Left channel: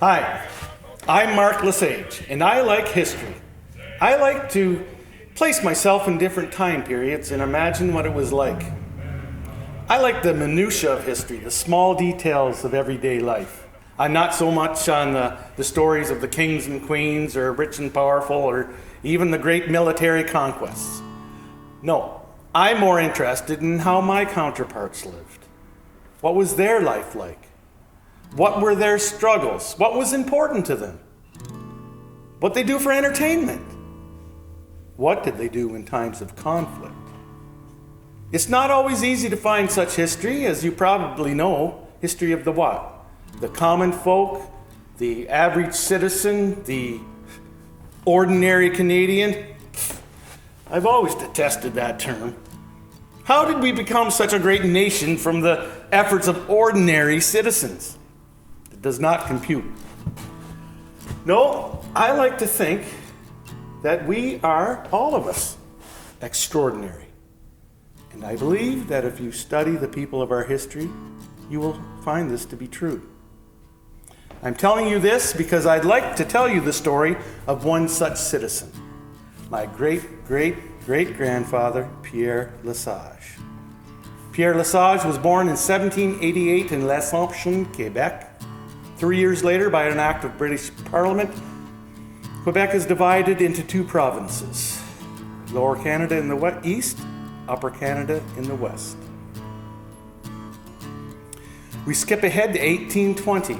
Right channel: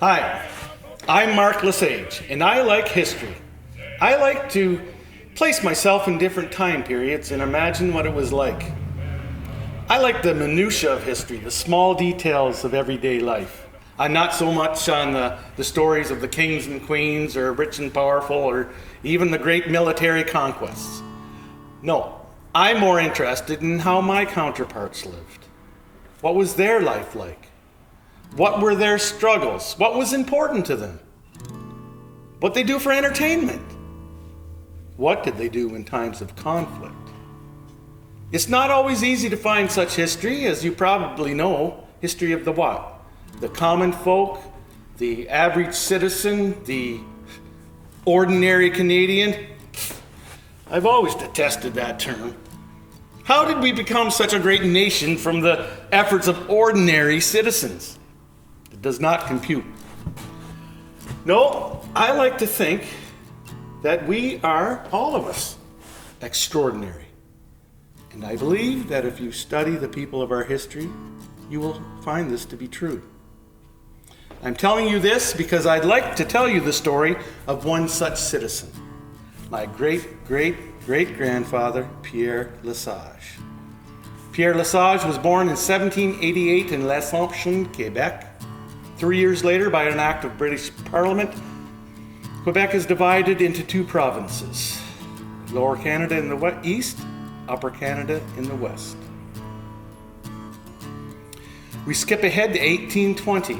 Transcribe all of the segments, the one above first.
Hi, I'm Mark Lesage, and I like history. I like to place myself in different time periods and imagine what it was like. I like the minutiae of history, the small details of everyday life. I'm not so much on the stories of the kings and queens or rich and powerful or even the great military conquests. No, I'm more interested in how my counterparts lived. What was their life like? What were their struggles? What was important to them? What they do for entertainment? What did they do in times of conflict? It's not always easy to find such history, as you probably know. History of the what? The common folk, the average citizen, the ordinary Canadian. I've always detested that term. How did we become such a great nation from the efforts of ordinary citizens? It does not compute. No, I like to think that we are, all of us, extraordinary. And I believe that if you study the people of our history, you will find this to be true. I'm telling you this because I'd like to tell you the story of one such citizen, my great-great-great-grandfather, Pierre Lesage. Pierre Lesage was born in 1788 in L'Assomption, Quebec. 3 years later, by an act of British Parliament, Quebec is divided into two provinces, Lower Canada in the east, Upper Canada in the west. We skip ahead to 1820,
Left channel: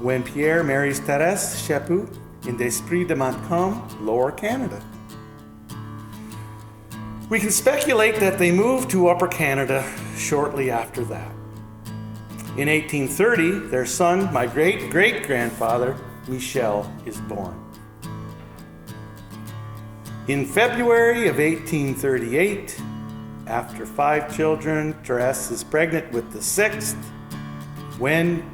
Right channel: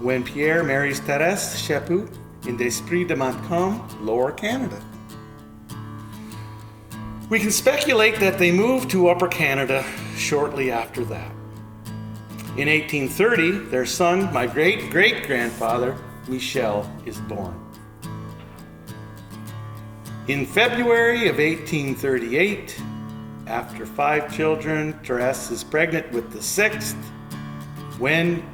when Pierre marries Thérèse Chaput in Desprez de Montcalm, Lower Canada. We can speculate that they moved to Upper Canada shortly after that. In 1830, their son, my great-great-grandfather, Michel, is born. In February of 1838, after 5 children, Thérèse is pregnant with the 6th, when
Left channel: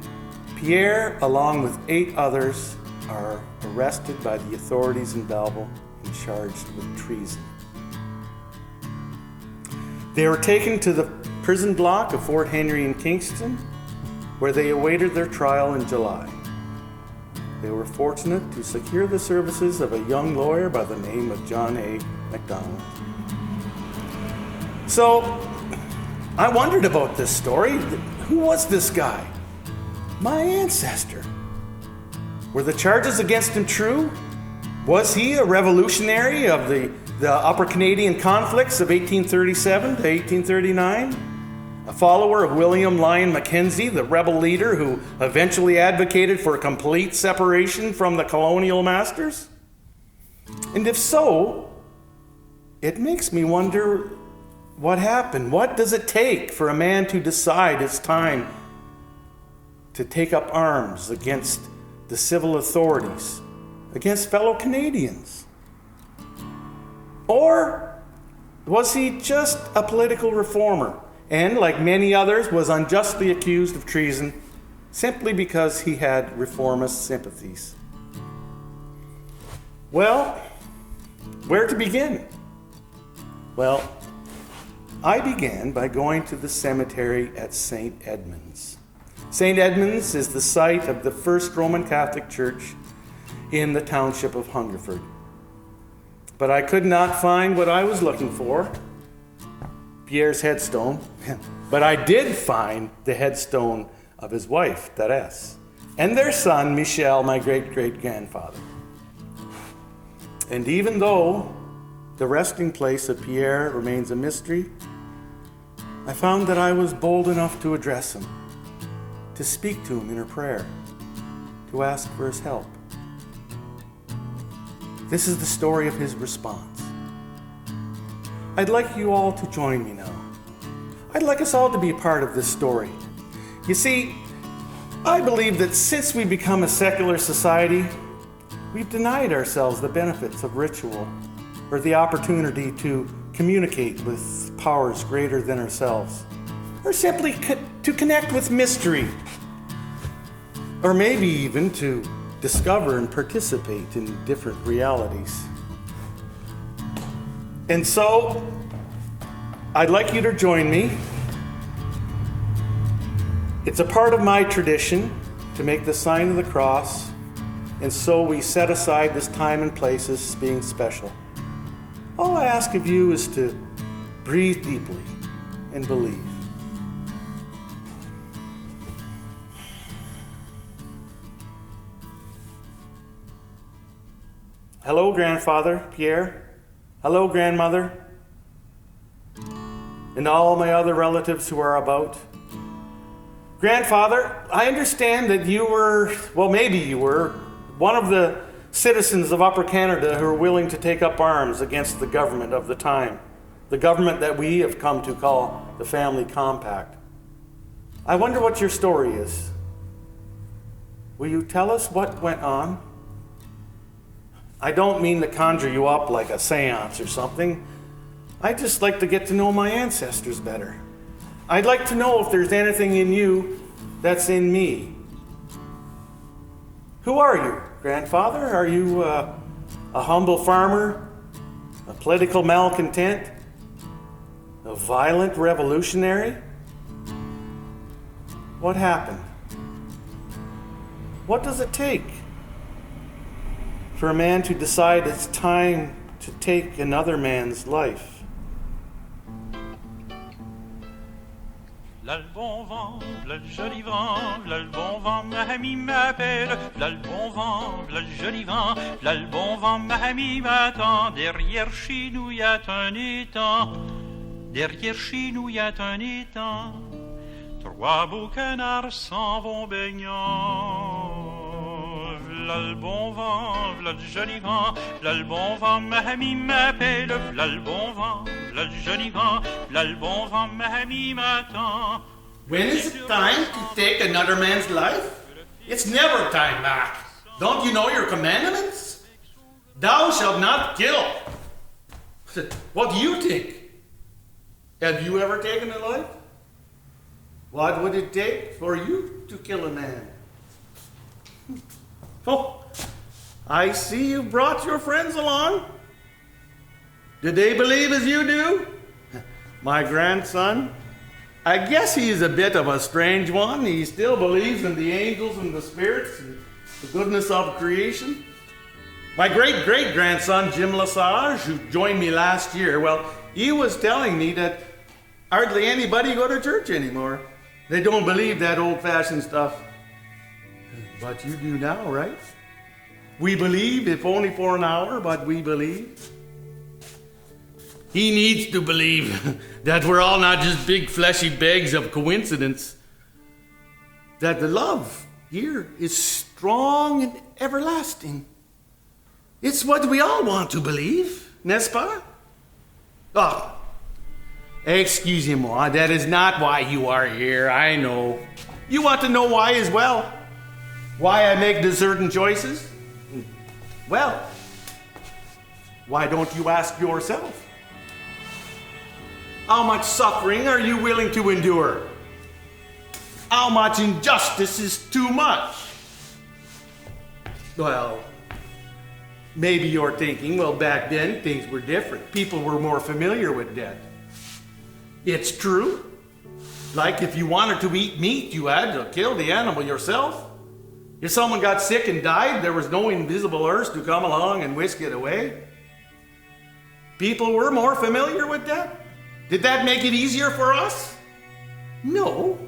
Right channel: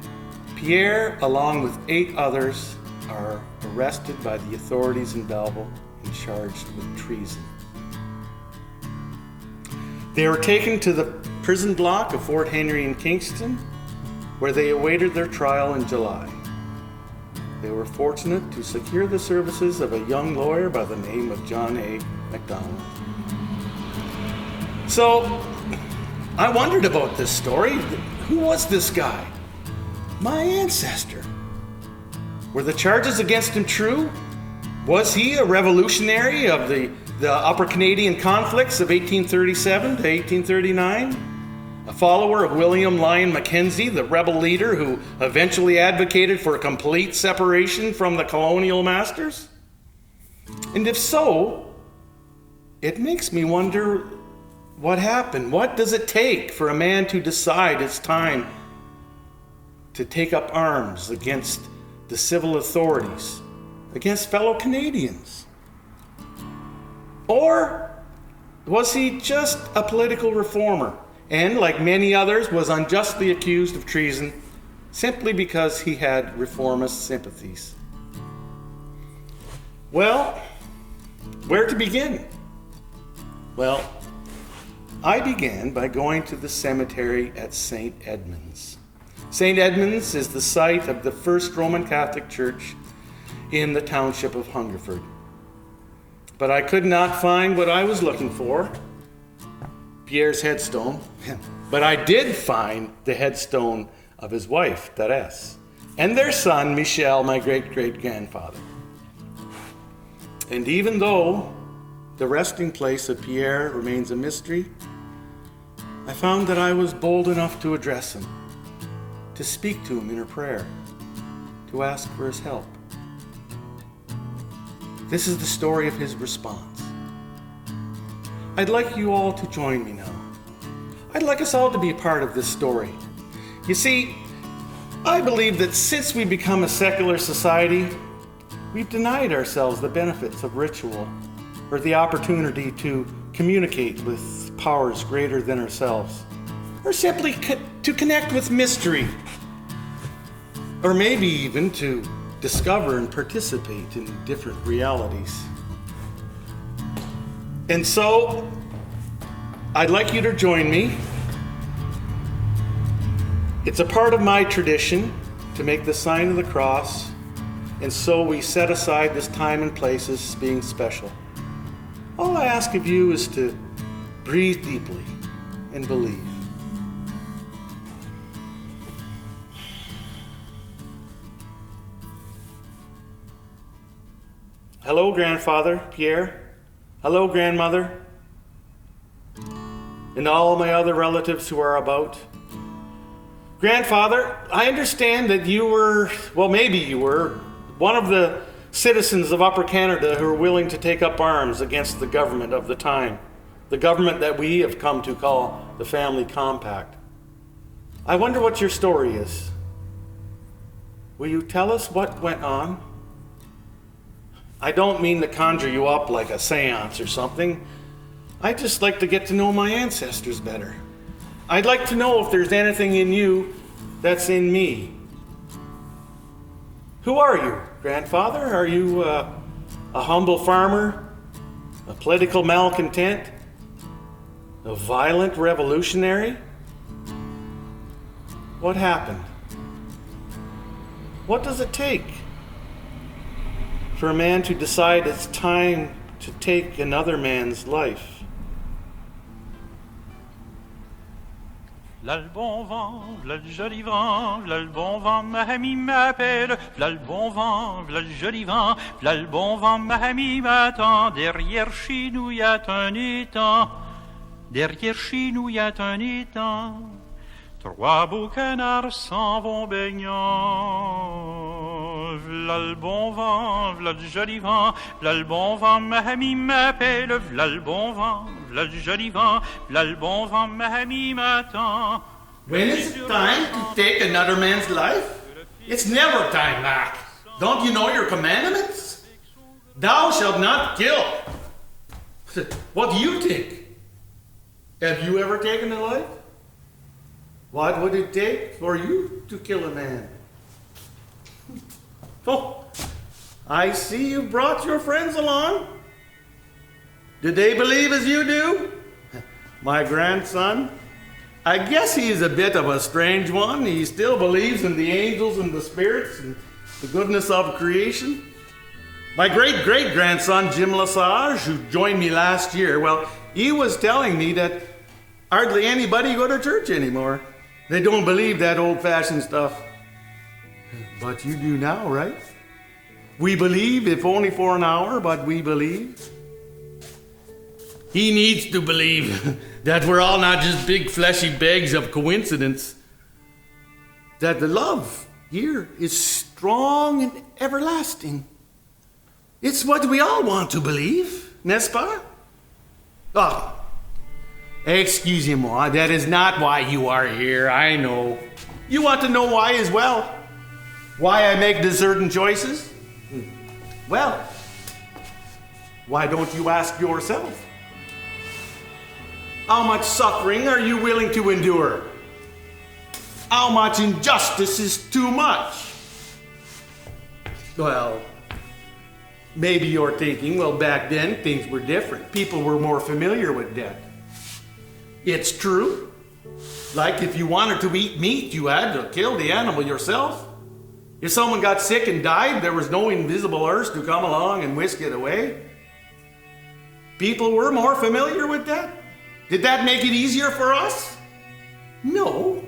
Pierre, along with 8 others, are arrested by the authorities in Belleville and charged with treason. They were taken to the prison block of Fort Henry in Kingston, where they awaited their trial in July. They were fortunate to secure the services of a young lawyer by the name of John A. MacDonald. So, I wondered about this story. Who was this guy? My ancestor. Were the charges against him true? Was he a revolutionary of the Upper Canadian conflicts of 1837 to 1839? A follower of William Lyon Mackenzie, the rebel leader who eventually advocated for complete separation from the colonial masters? And if so, it makes me wonder what happened. What does it take for a man to decide it's time to take up arms against the civil authorities, against fellow Canadians? Or was he just a political reformer and, like many others, was unjustly accused of treason simply because he had reformist sympathies? Well, where to begin? Well, I began by going to the cemetery at St. Edmunds. St. Edmunds is the site of the first Roman Catholic Church in the township of Hungerford. But I could not find what I was looking for, Pierre's headstone, but I did find the headstone of his wife, Thérèse, and their son, Michel, my great-great-grandfather. And even though the resting place of Pierre remains a mystery, I found that I was bold enough to address him, to speak to him in a prayer, to ask for his help. This is the story of his response. I'd like you all to join me now. I'd like us all to be a part of this story. You see, I believe that since we become a secular society, we've denied ourselves the benefits of ritual or the opportunity to communicate with powers greater than ourselves, or simply to connect with mystery, or maybe even to discover and participate in different realities. And so, I'd like you to join me It's a part of my tradition to make the sign of the cross, and so we set aside this time and place as being special. All I ask of you is to breathe deeply and believe. Hello, Grandfather Pierre. Hello, Grandmother. And all my other relatives who are about. Grandfather, I understand that you were, well, maybe you were, one of the citizens of Upper Canada who were willing to take up arms against the government of the time, the government that we have come to call the Family Compact. I wonder what your story is. Will you tell us what went on? I don't mean to conjure you up like a seance or something. I'd just like to get to know my ancestors better. I'd like to know if there's anything in you that's in me. Who are you, Grandfather? Are you a humble farmer, a political malcontent, a violent revolutionary? What happened? What does it take for a man to decide it's time to take another man's life? V'là le bon vent, v'là le joli vent, v'là le bon vent, ma amie m'appelle. V'là le bon vent, v'là le joli vent, v'là le bon vent, ma amie m'attend. Derrière chez nous y a un étang, derrière chez nous y a un étang. Trois beaux canards s'en vont baignant. V'là le bon vent, v'là le joli vent, v'là le bon vent, ma amie m'appelle. V'là le bon vent, v'là le joli vent, v'là le bon vent, ma amie m'attend. When is it time to take another man's life? It's never time, Mac. Don't you know your commandments? Thou shalt not kill. What do you think? Have you ever taken a life? What would it take for you to kill a man? Oh, I see you brought your friends along. Did they believe as you do? My grandson, I guess he's a bit of a strange one. He still believes in the angels and the spirits and the goodness of creation. My great-great-grandson, Jim Lesage, who joined me last year, well, he was telling me that hardly anybody go to church anymore. They don't believe that old-fashioned stuff. But you do now, right? We believe, if only for an hour, but we believe. He needs to believe that we're all not just big fleshy bags of coincidence. That the love here is strong and everlasting. It's what we all want to believe, n'est-ce pas? Oh, excusez-moi, that is not why you are here, I know. You want to know why as well? Why I make the certain choices? Well, why don't you ask yourself? How much suffering are you willing to endure? How much injustice is too much? Well, maybe you're thinking, well, back then things were different. People were more familiar with death. It's true. Like if you wanted to eat meat, you had to kill the animal yourself. If someone got sick and died, there was no invisible earth to come along and whisk it away. People were more familiar with that. Did that make it easier for us? No.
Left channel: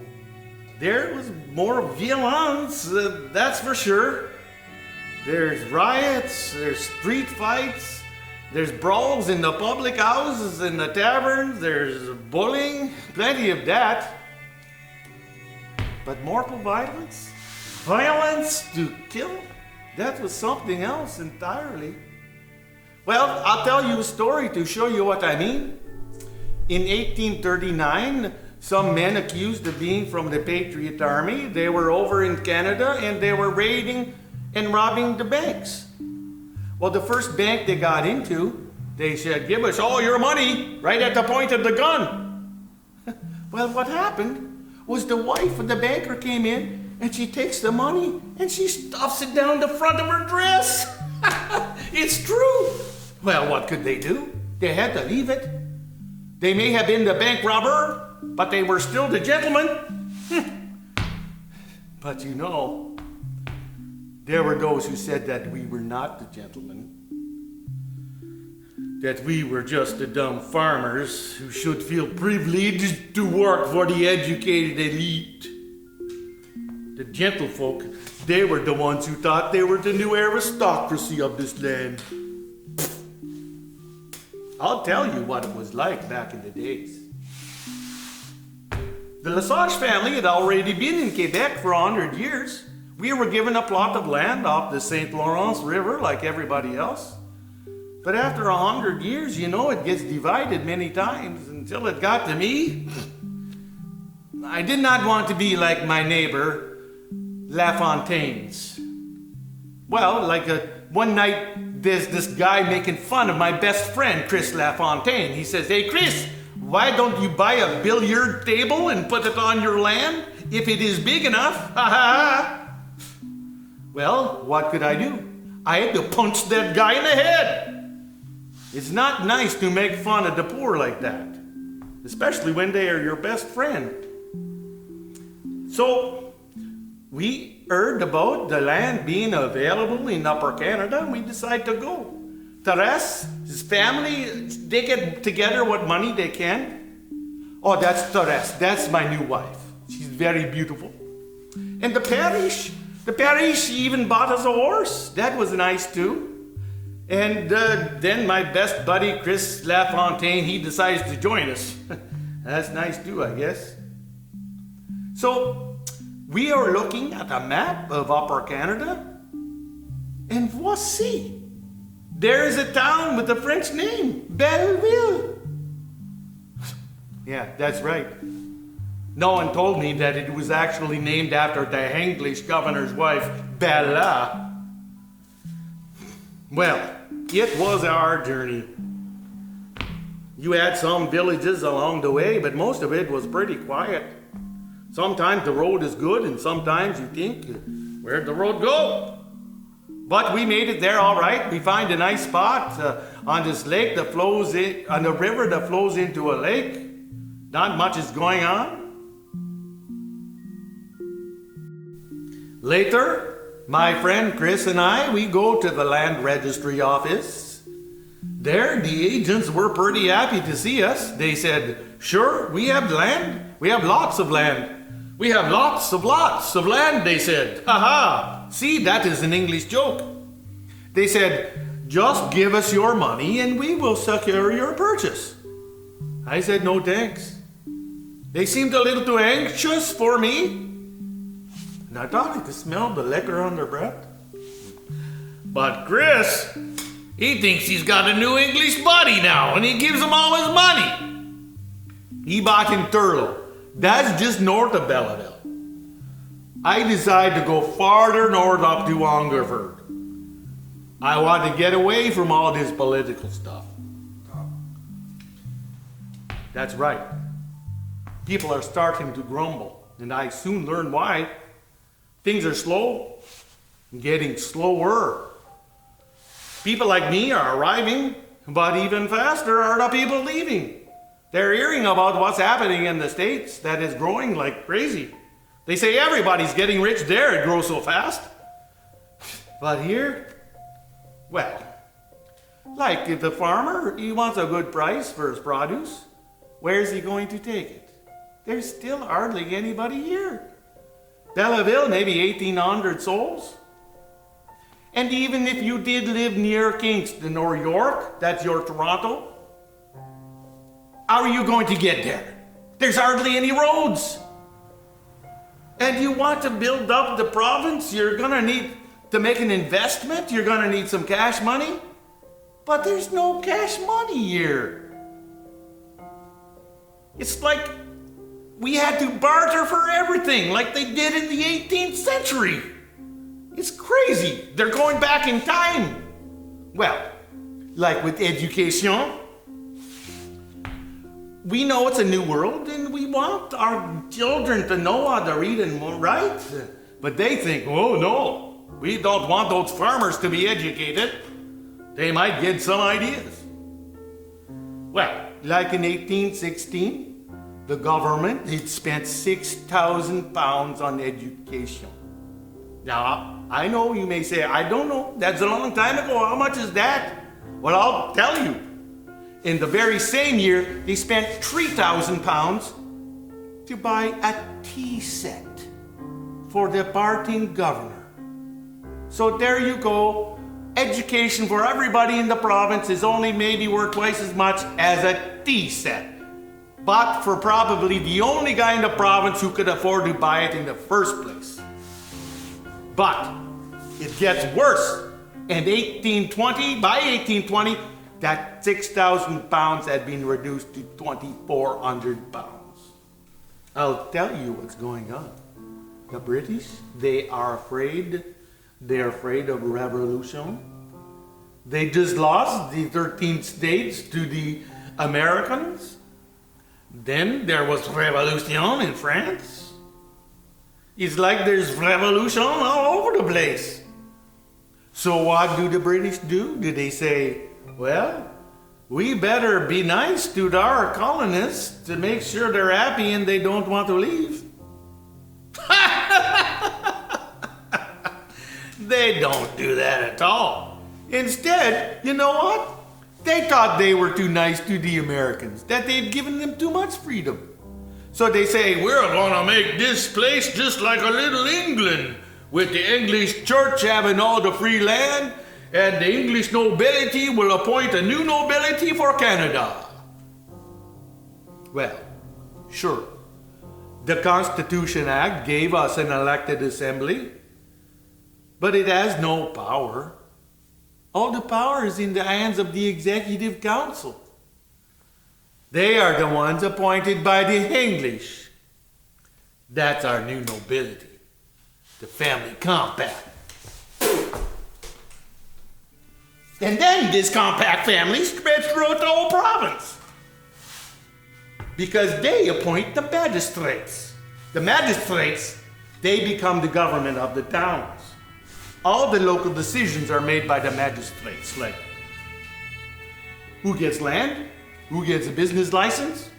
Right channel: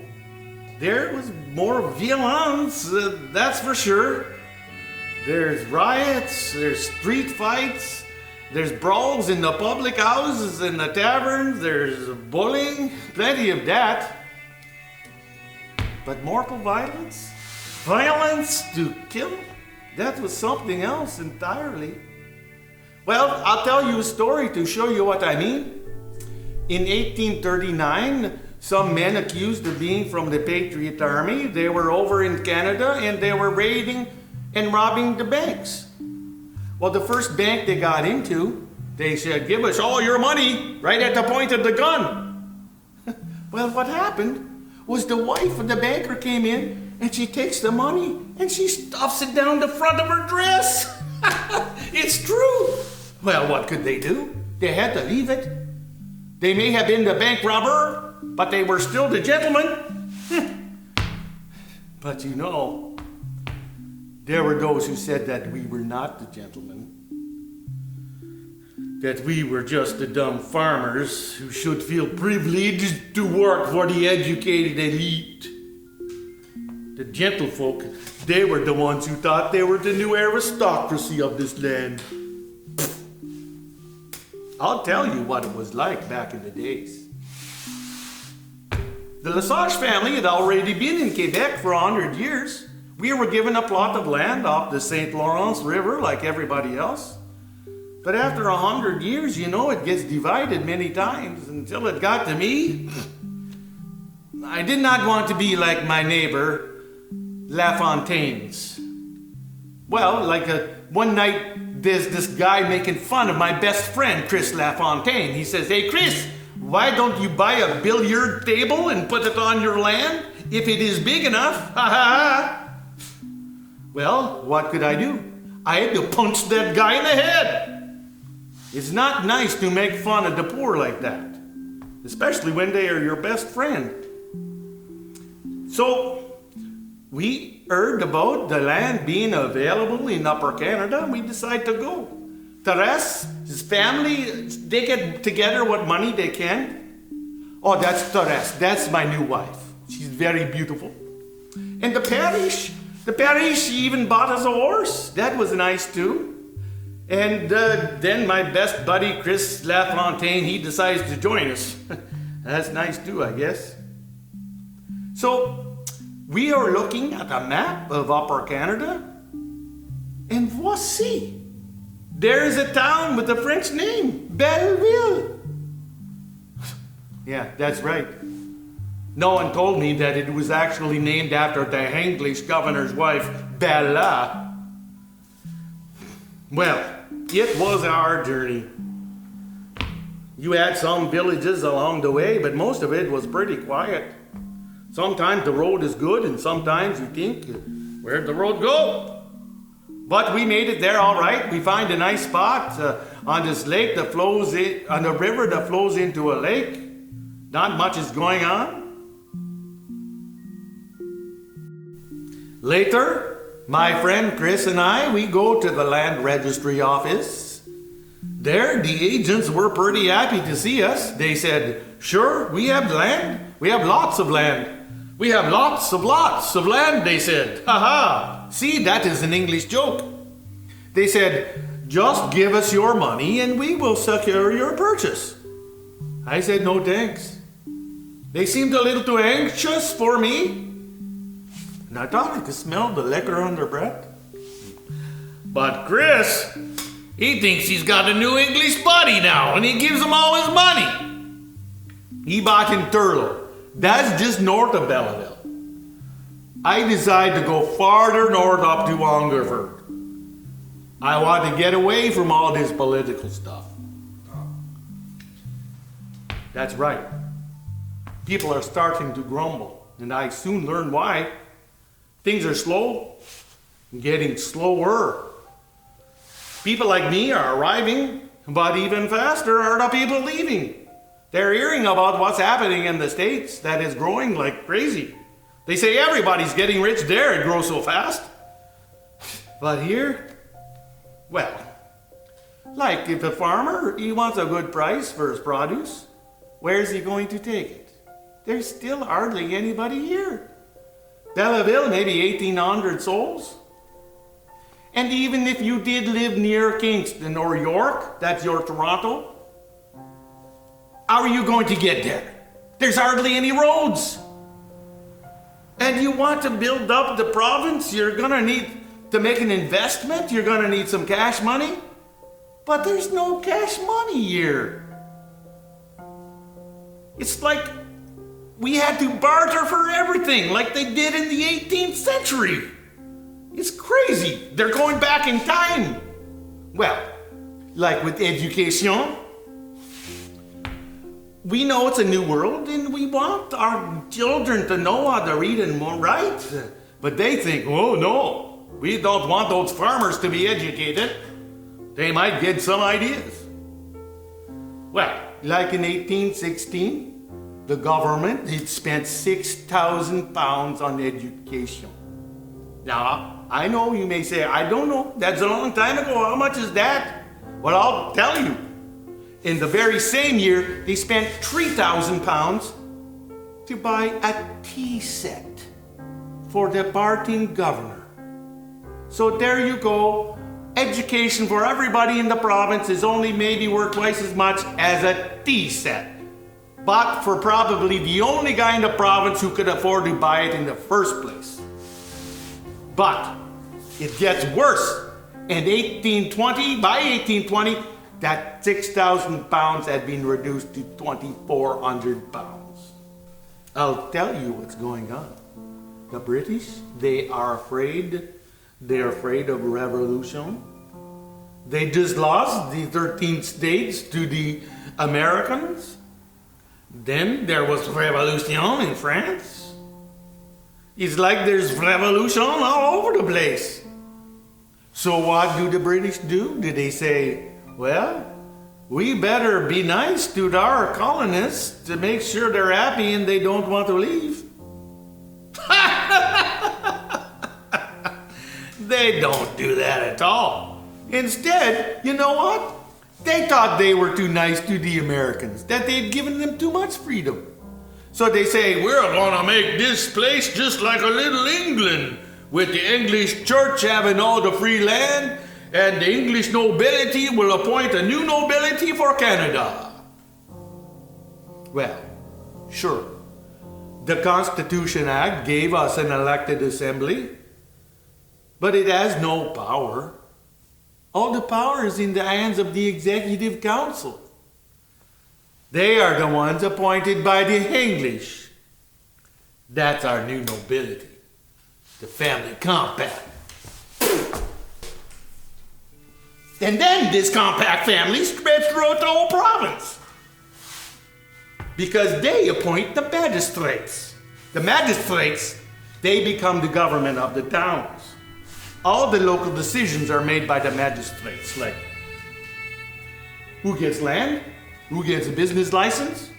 There was more violence, that's for sure. There's riots, there's street fights, there's brawls in the public houses and the taverns, there's bullying, plenty of that. But mortal violence? Violence to kill? That was something else entirely. Well, I'll tell you a story to show you what I mean. In 1839, some men accused of being from the Patriot Army, they were over in Canada and they were raiding and robbing the banks. Well, the first bank they got into, they said, "Give us all your money," right at the point of the gun. Well, what happened was the wife of the banker came in and she takes the money and she stuffs it down the front of her dress. It's true. Well, what could they do? They had to leave it. They may have been the bank robber, but they were still the gentleman. But you know, there were those who said that we were not the gentlemen, that we were just the dumb farmers who should feel privileged to work for the educated elite. The gentlefolk, they were the ones who thought they were the new aristocracy of this land. I'll tell you what it was like back in the days. The Lesage family had already been in Quebec for 100 years. We were given a plot of land off the St. Lawrence River like everybody else. But after 100 years, you know, it gets divided many times until it got to me. I did not want to be like my neighbor, LaFontaine's. Well, one night, there's this guy making fun of my best friend, Chris LaFontaine. He says, "Hey, Chris, why don't you buy a billiard table and put it on your land if it is big enough?" Ha ha! Well, what could I do? I had to punch that guy in the head. It's not nice to make fun of the poor like that, especially when they are your best friend. So, we heard about the land being available in Upper Canada, and we decided to go. Therese, his family, they get together what money they can. Oh, that's Therese. That's my new wife. She's very beautiful. And the parish even bought us a horse. That was nice too. And then my best buddy, Chris LaFontaine, he decides to join us. That's nice too, I guess. So, we are looking at a map of Upper Canada, and voici, there is a town with a French name, Belleville. Yeah, that's right. No one told me that it was actually named after the English governor's wife, Bella. Well, it was a hard journey. You had some villages along the way, but most of it was pretty quiet. Sometimes the road is good, and sometimes you think, where'd the road go? But we made it there all right. We find a nice spot on this lake that flows in, on the river that flows into a lake. Not much is going on. Later, my friend Chris and I, we go to the land registry office. There, the agents were pretty happy to see us. They said, "Sure, we have land. We have lots of land. We have lots of land," they said. "Ha ha! See, that is an English joke." They said, "Just give us your money and we will secure your purchase." I said, "No thanks." They seemed a little too anxious for me. And I thought I could smell the liquor on their breath. But Chris, he thinks he's got a new English buddy now, and he gives him all his money. He bought in Turlow. That's just north of Belleville. I decided to go farther north up to Hungerford. I want to get away from all this political stuff. That's right. People are starting to grumble, and I soon learned why. Things are slow, getting slower. People like me are arriving, but even faster are the people leaving. They're hearing about what's happening in the States that is growing like crazy. They say everybody's getting rich there, it grows so fast. But here, well, like if a farmer, he wants a good price for his produce, where's he going to take it? There's still hardly anybody here. Belleville, maybe 1,800 souls. And even if you did live near Kingston or York, that's your Toronto, how are you going to get there? There's hardly any roads. And you want to build up the province, you're going to need to make an investment, you're going to need some cash money. But there's no cash money here. It's like we had to barter for everything, like they did in the 18th century. It's crazy. They're going back in time. Well, like with education, we know it's a new world and we want our children to know how to read and write. But they think, oh no, we don't want those farmers to be educated. They might get some ideas. Well, like in 1816, the government had spent £6,000 on education. Now, I know you may say, I don't know, that's a long time ago. How much is that? Well, I'll tell you. In the very same year, they spent £3,000 to buy a tea set for the departing governor. So there you go. Education for everybody in the province is only maybe worth twice as much as a tea set. But for probably the only guy in the province who could afford to buy it in the first place. But it gets worse. By 1820, that £6,000 had been reduced to £2,400. I'll tell you what's going on. The British, they are afraid. They're afraid of revolution. They just lost the 13 states to the Americans. Then there was revolution in France. It's like there's revolution all over the place. So what do the British do? Do they say, well, we better be nice to our colonists to make sure they're happy and they don't want to leave? They don't do that at all. Instead, you know what? They thought they were too nice to the Americans, that they'd given them too much freedom. So they say, we're going to make this place just like a little England, with the English church having all the free land, and the English nobility will appoint a new nobility for Canada. Well, sure, the Constitution Act gave us an elected assembly, but it has no power. All the power is in the hands of the Executive Council. They are the ones appointed by the English. That's our new nobility, the family compact. And then this compact family spreads throughout the whole province. Because they appoint the magistrates. The magistrates, they become the government of the towns. All the local decisions are made by the magistrates, like who gets land, who gets a business license,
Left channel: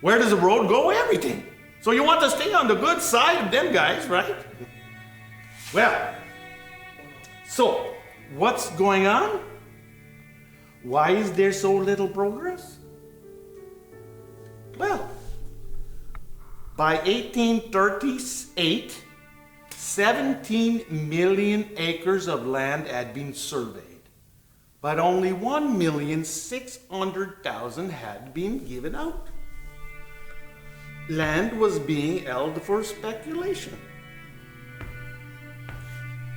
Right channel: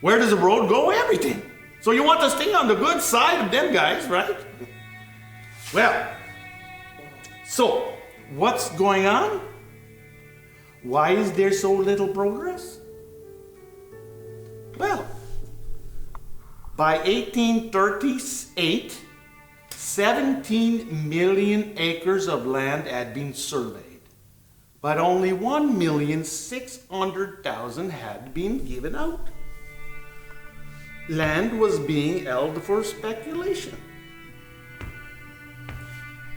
where does the road go, everything. So you want to stay on the good side of them guys, right? Well, so what's going on? Why is there so little progress? Well, by 1838, 17 million acres of land had been surveyed, but only 1,600,000 had been given out. Land was being held for speculation.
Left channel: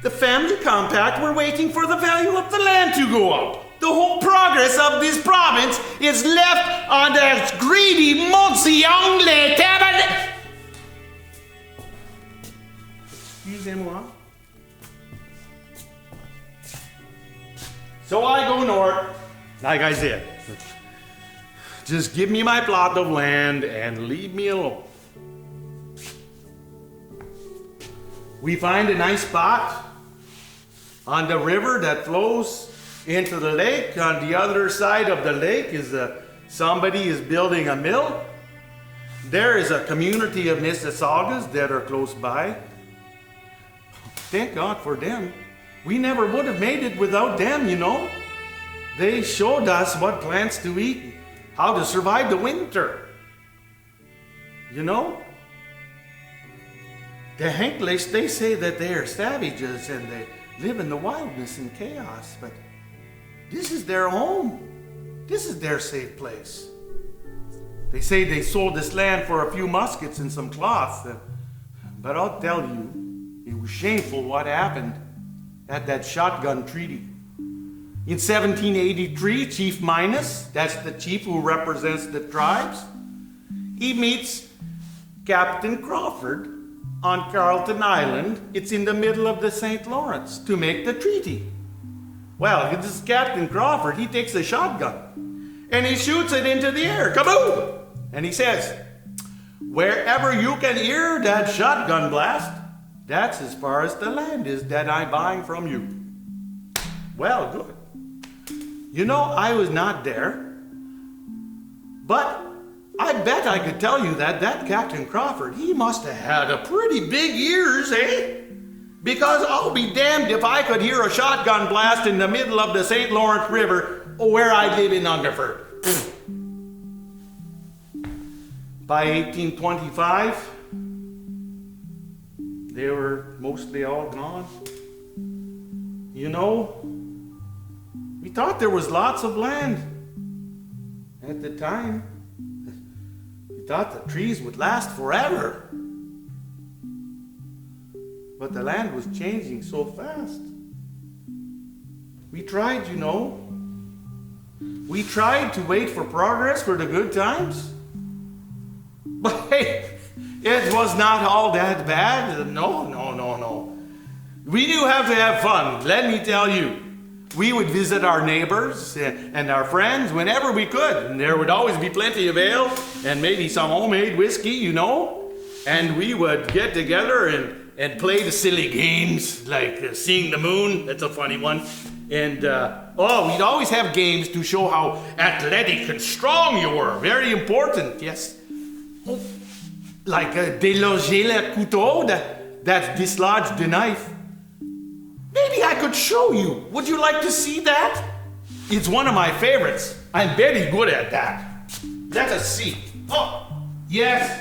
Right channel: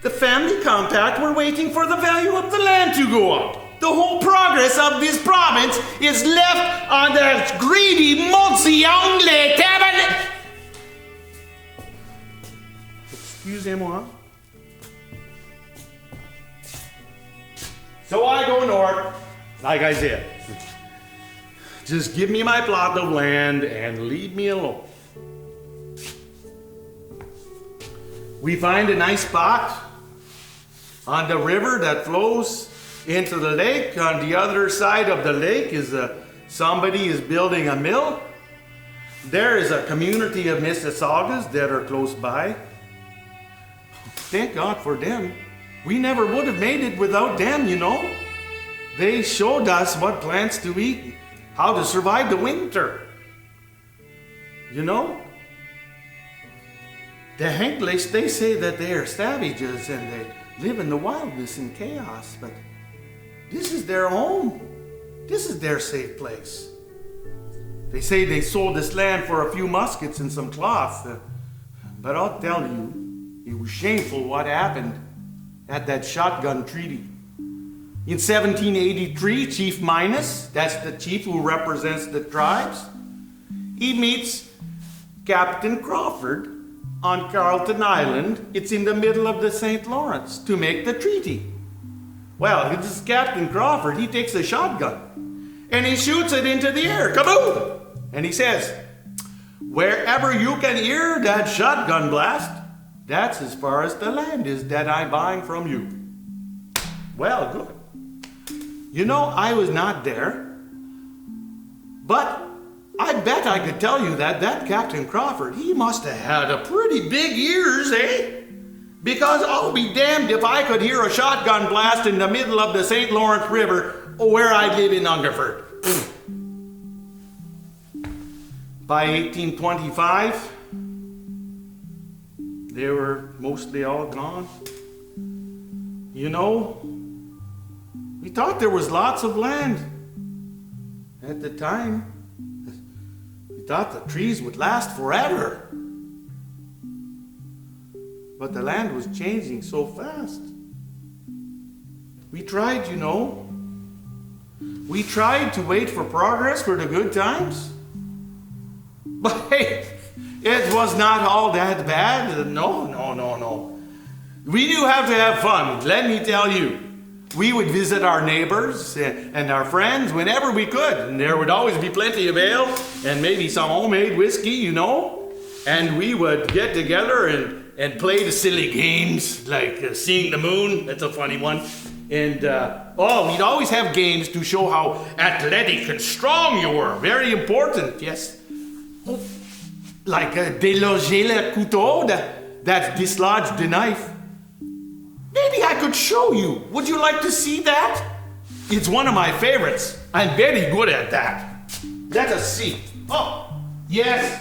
The family compact were waiting for the value of the land to go up. The whole progress of this province is left on the greedy Monsieur table. Excusez-moi. So I go north, like I said. Just give me my plot of land and leave me alone. We find a nice spot on the river that flows into the lake. On the other side of the lake is somebody is building a mill. There is a community of Mississaugas that are close by. Thank God for them. We never would have made it without them, you know. They showed us what plants to eat, how to survive the winter. You know? The English, they say that they are savages and they live in the wildness and chaos, but this is their home. This is their safe place. They say they sold this land for a few muskets and some cloth, but I'll tell you, it was shameful what happened at that shotgun treaty. In 1783, Chief Minus, that's the chief who represents the tribes, he meets Captain Crawford on Carleton Island. It's in the middle of the St. Lawrence to make the treaty. Well, this is Captain Crawford. He takes a shotgun and he shoots it into the air. Kaboom! And he says, wherever you can hear that shotgun blast, that's as far as the land is that I'm buying from you. Well, good. You know, I was not there, but I bet I could tell you that Captain Crawford, he must have had a pretty big ears, eh? Because I'll be damned if I could hear a shotgun blast in the middle of the St. Lawrence River where I live in Hungerford. By 1825, they were mostly all gone. You know, we thought there was lots of land at the time. We thought the trees would last forever. But the land was changing so fast. We tried, you know. We tried to wait for progress for the good times. But hey, it was not all that bad. No. We do have to have fun, let me tell you. We would visit our neighbors and our friends whenever we could. And there would always be plenty of ale and maybe some homemade whiskey, you know. And we would get together and play the silly games like seeing the moon. That's a funny one. And, we'd always have games to show how athletic and strong you were. Very important, yes. Oh, like déloger le couteau, that dislodged the knife. Maybe I could show you. Would you like to see that? It's one of my favorites. I'm very good at that. Let us see. Oh, yes,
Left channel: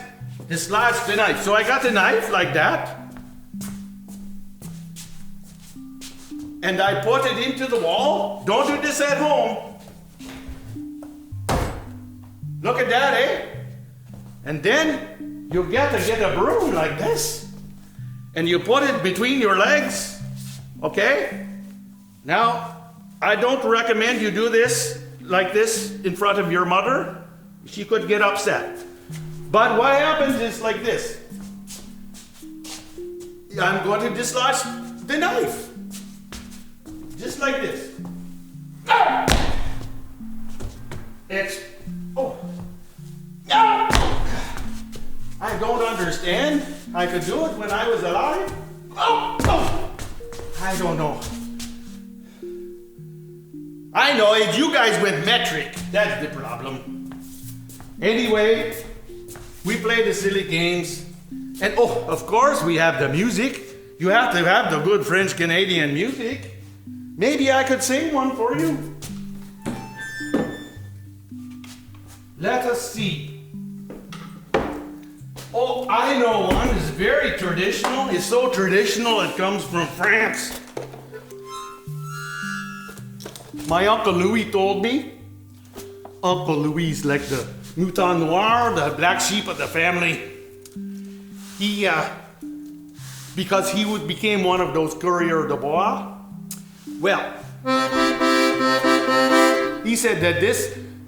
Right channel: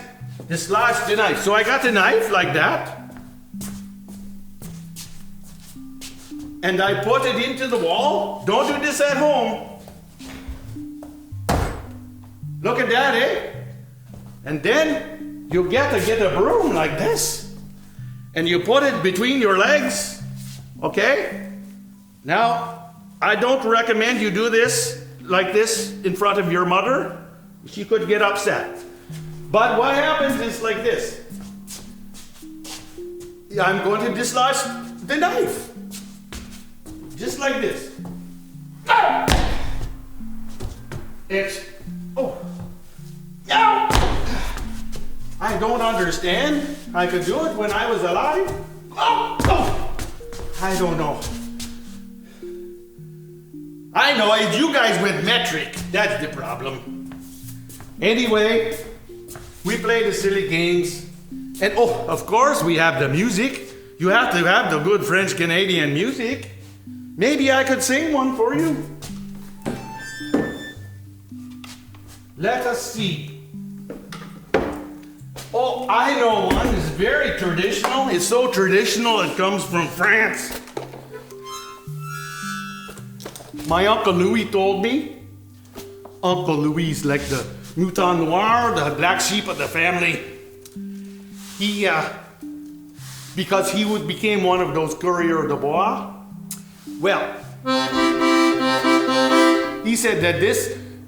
dislodged the knife. So I got the knife like that. And I put it into the wall. Don't do this at home. Look at that, eh? And then you get a broom like this. And you put it between your legs. Okay? Now, I don't recommend you do this like this in front of your mother. She could get upset. But what happens is like this. I'm going to dislodge the knife. Just like this. I don't understand. I could do it when I was alive. I don't know. I know it's you guys with metric. That's the problem. Anyway, we play the silly games. And of course, we have the music. You have to have the good French Canadian music. Maybe I could sing one for you. Let us see. Oh, I know one. It's very traditional. It's so traditional it comes from France. My Uncle Louis told me. Uncle Louis is like the mouton noir, the black sheep of the family. Because he became one of those coureurs de bois. Well, he said that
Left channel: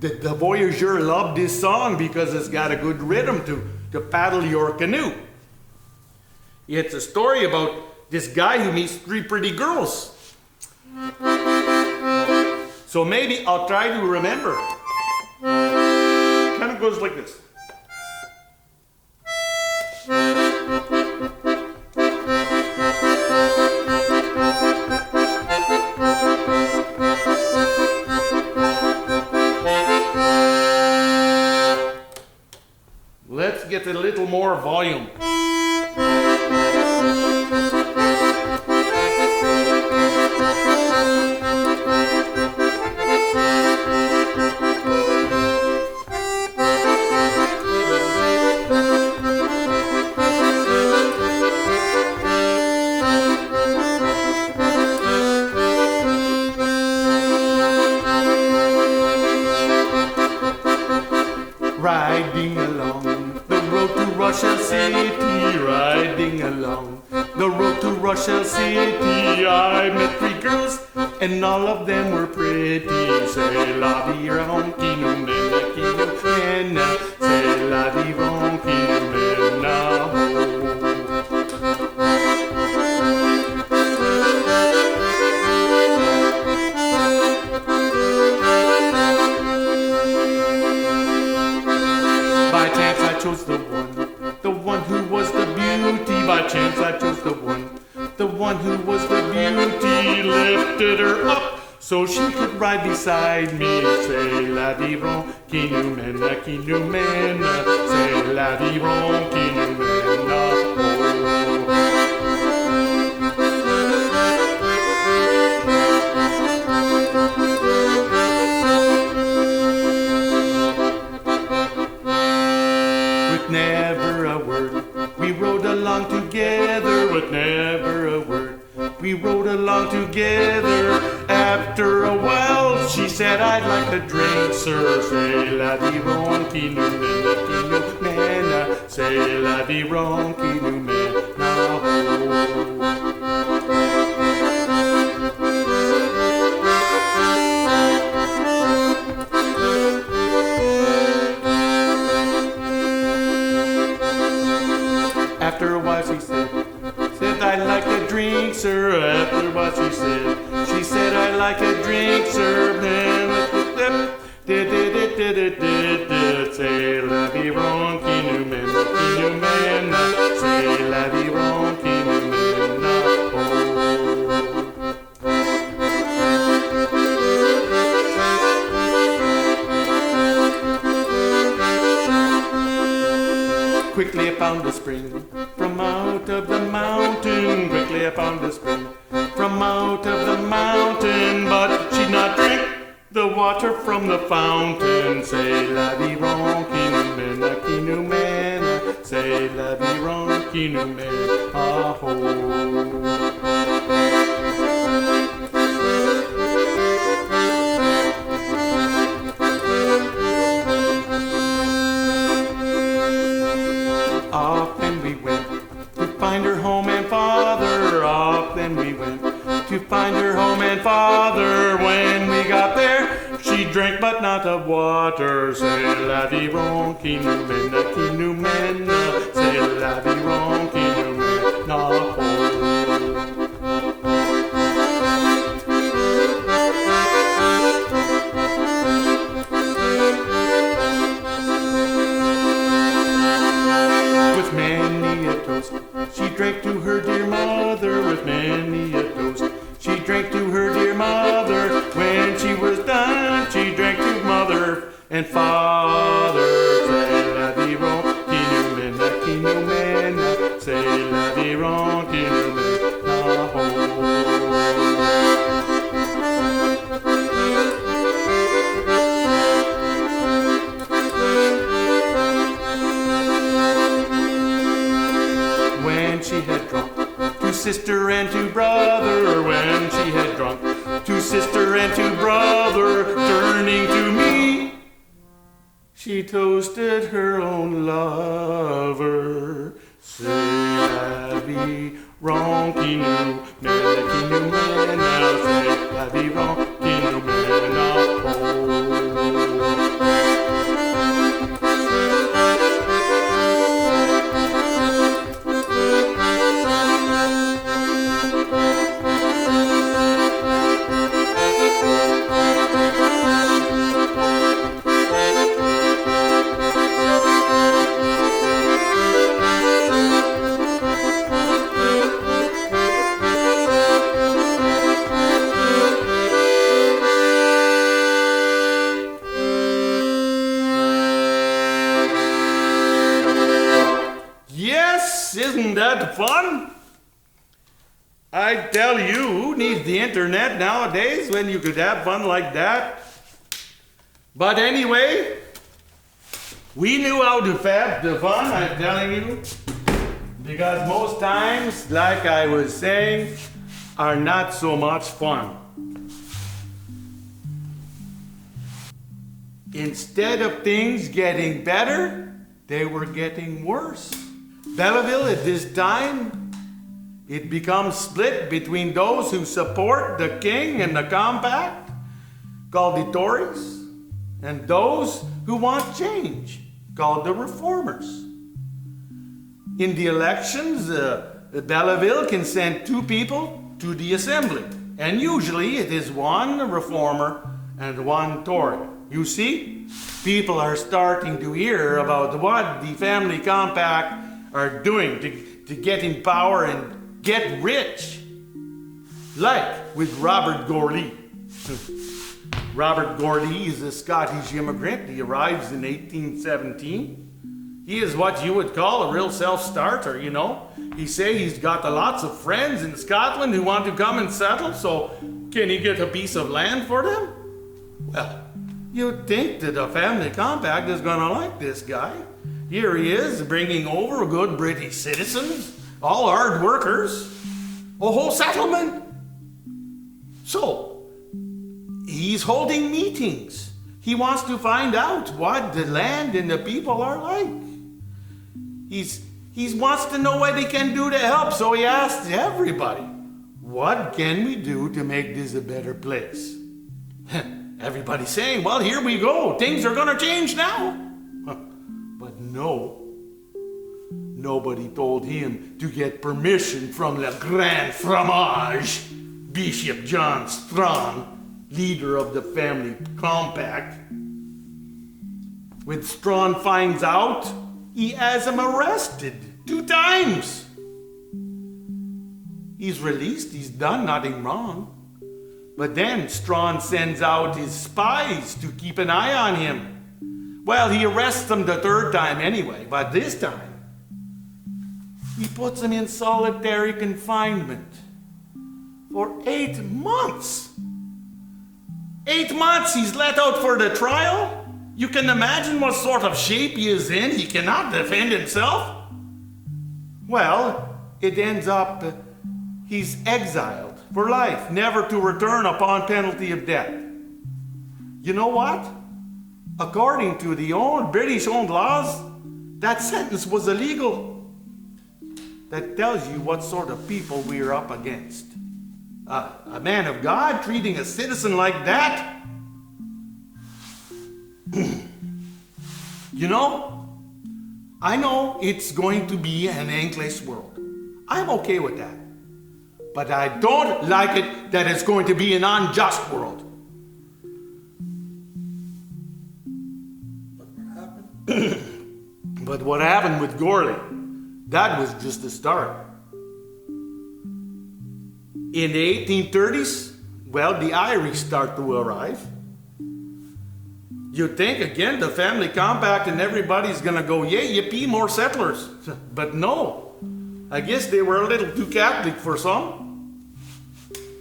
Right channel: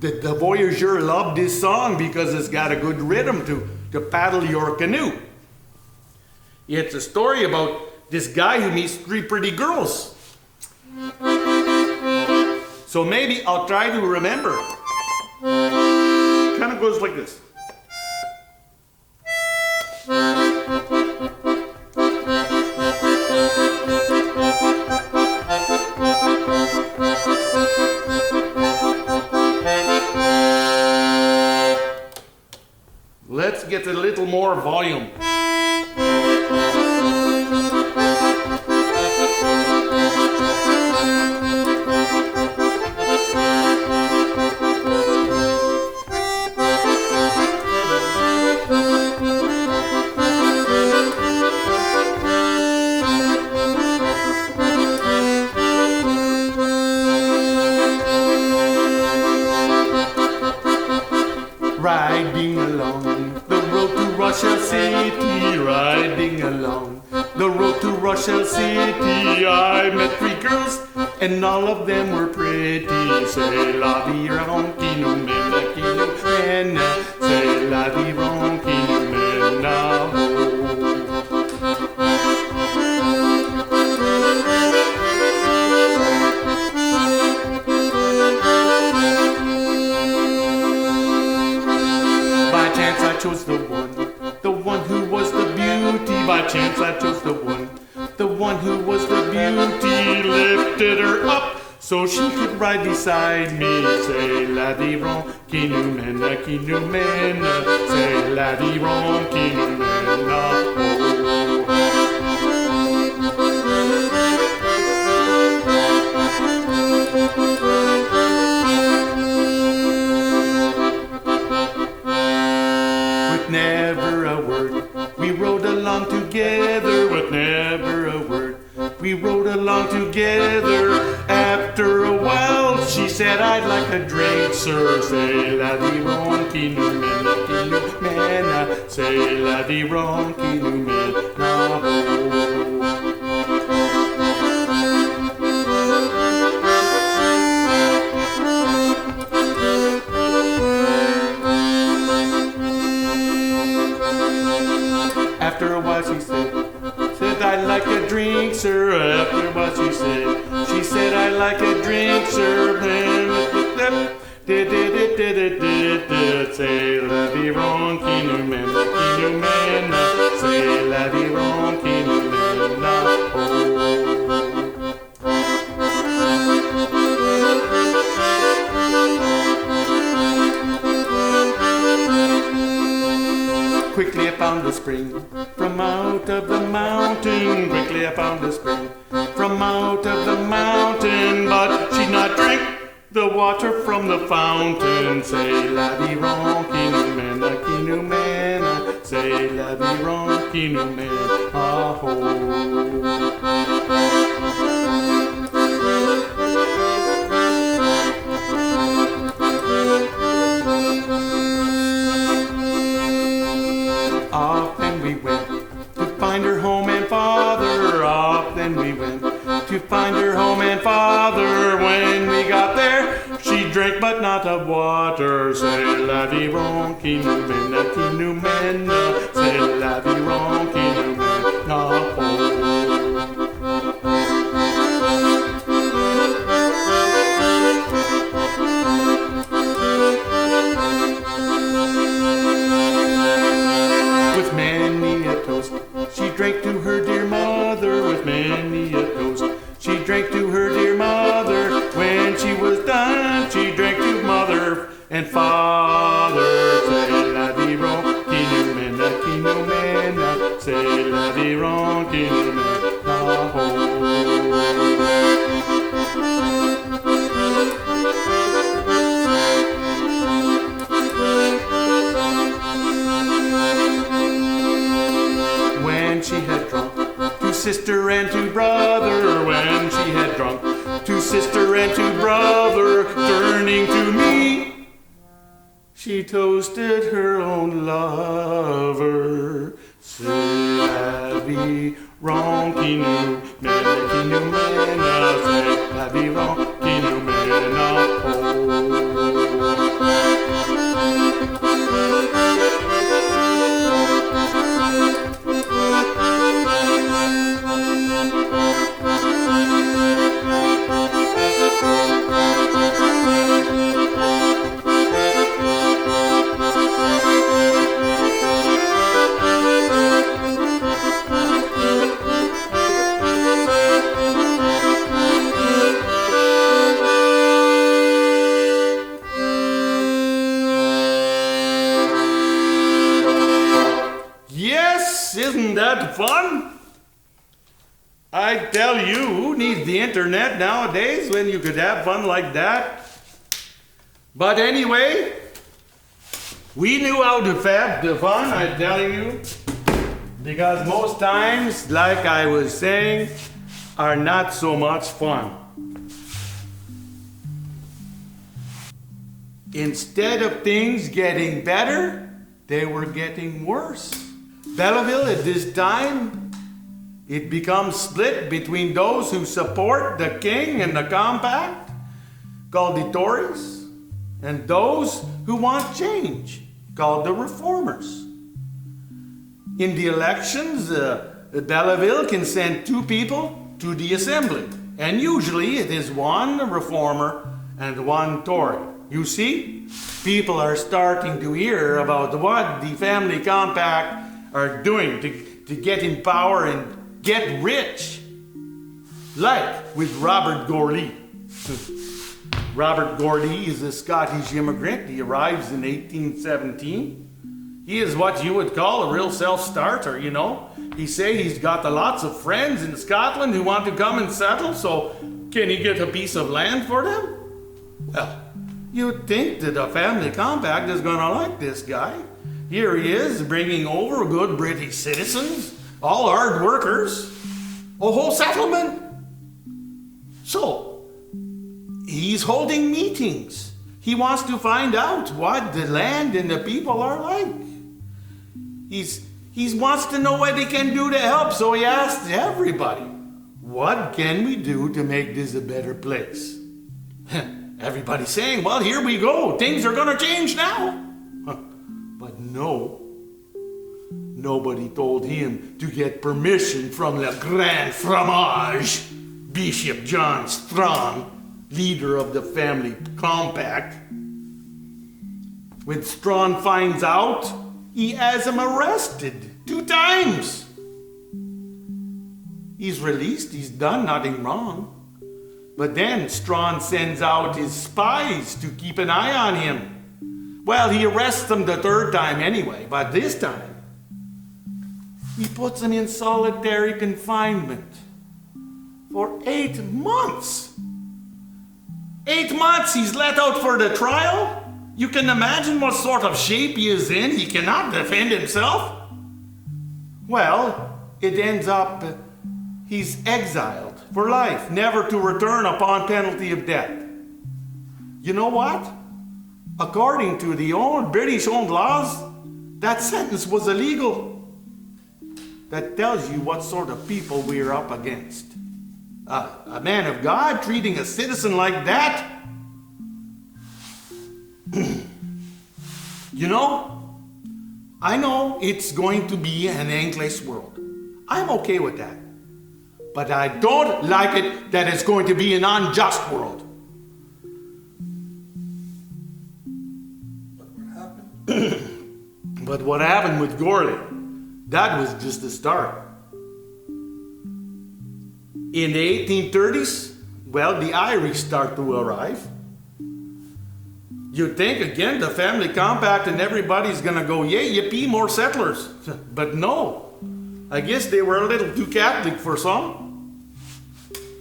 the voyageur loved this song because it's got a good rhythm to paddle your canoe. It's a story about this guy who meets 3 pretty girls. So maybe I'll try to remember. Kind of goes like this. Let's get a little more volume. Riding along the road to Russia City, riding along the road to Russia City, I met 3 girls, and all of them were pretty. C'est la vie qui nous mène, c'est la vie qui nous mène là-haut. By chance I chose the one who was the beauty. By chance I chose the one who was the beauty. Lifted her up so she could ride beside me. Say la di ron, qui nous mène, say la di ron, qui nous mène, oh. With never a word, we rode along together. With never a word, we rode along together. After a while, she said, I'd like a drink, sir. Say la di ron, qui nous mène, say la di ron, qui nous mène, oh. After a while she said, I'd like a drink, sir. After a while she said, I'd like a drink, sir. Say la di ron, qui nous mène, say la di ron, qui nous mène, Quickly I found a spring from out of the mountain. Quickly I found a spring from out of the mountain. But she'd not drink the water from the fountain. Say la di ron, qui nous mène, say la di ron, qui nous mène, ah-ho. Often we went to find her home and father. Often we went to find her home and father. When we got there, she drank but not of water. Say la di ron, qui nous mène, say la di ron, qui nous mène, oh. She drank to her dear mother with many a toast. She drank to her dear mother. When she was done, she drank to mother and father. Say la di ron, qui nous mène, say la di ron, qui nous mène, oh. She had drunk to sister and to brother. When she had drunk to sister and to brother, turning to me, she toasted her own lover. Say la di ron, qui nous mène, say la di ron, qui nous mène, oh. Isn't that fun? I tell you, who needs the internet nowadays when you could have fun like that? But anyway, we knew how to have the fun, I'm telling you, because most times, like I was saying, are not so much fun. Instead of things getting better, they were getting worse. Belleville at this time, it becomes split between those who support the king and the compact, called the Tories, and those who want change, called the Reformers. In the elections, Belleville can send two people to the assembly, and usually it is one Reformer and one Tory. You see, people are starting to hear about what the family compact are doing to get in power and get rich, like with Robert Gourley Robert Gordy is a Scottish immigrant. He arrives in 1817. He is what you would call a real self-starter, you know. He say he's got lots of friends in Scotland who want to come and settle, so can he get a piece of land for them? Well, you'd think that a family compact is gonna like this guy. Here he is, bringing over good British citizens, all hard workers, a whole settlement. So, he's holding meetings. He wants to find out what the land and the people are like. He wants to know what he can do to help, so he asks everybody, what can we do to make this a better place? Everybody's saying, well, here we go, things are gonna change now. But no, nobody told him to get permission from the Grand Fromage, Bishop John Strong, leader of the family compact. When Strong finds out, he has him arrested 2 times. He's released, he's done nothing wrong. But then Strong sends out his spies to keep an eye on him. Well, he arrests him the 3rd time anyway, but this time, he puts him in solitary confinement for 8 months. 8 months he's let out for the trial. You can imagine what sort of shape he is in. He cannot defend himself. Well, it ends up he's exiled for life, never to return upon penalty of death. You know what? According to the old British-owned laws, that sentence was illegal. That tells you what sort of people we're up against. A man of God treating a citizen like that? You know, I know it's going to be an endless world. I'm okay with that. But I don't like it that it's going to be an unjust world. But what happened with Gorley, that was just the start. In the 1830s, well, the Irish start to arrive. You think, again, the family compact and everybody's gonna go, yay, yippee, more settlers. But no, I guess they were a little too Catholic for some.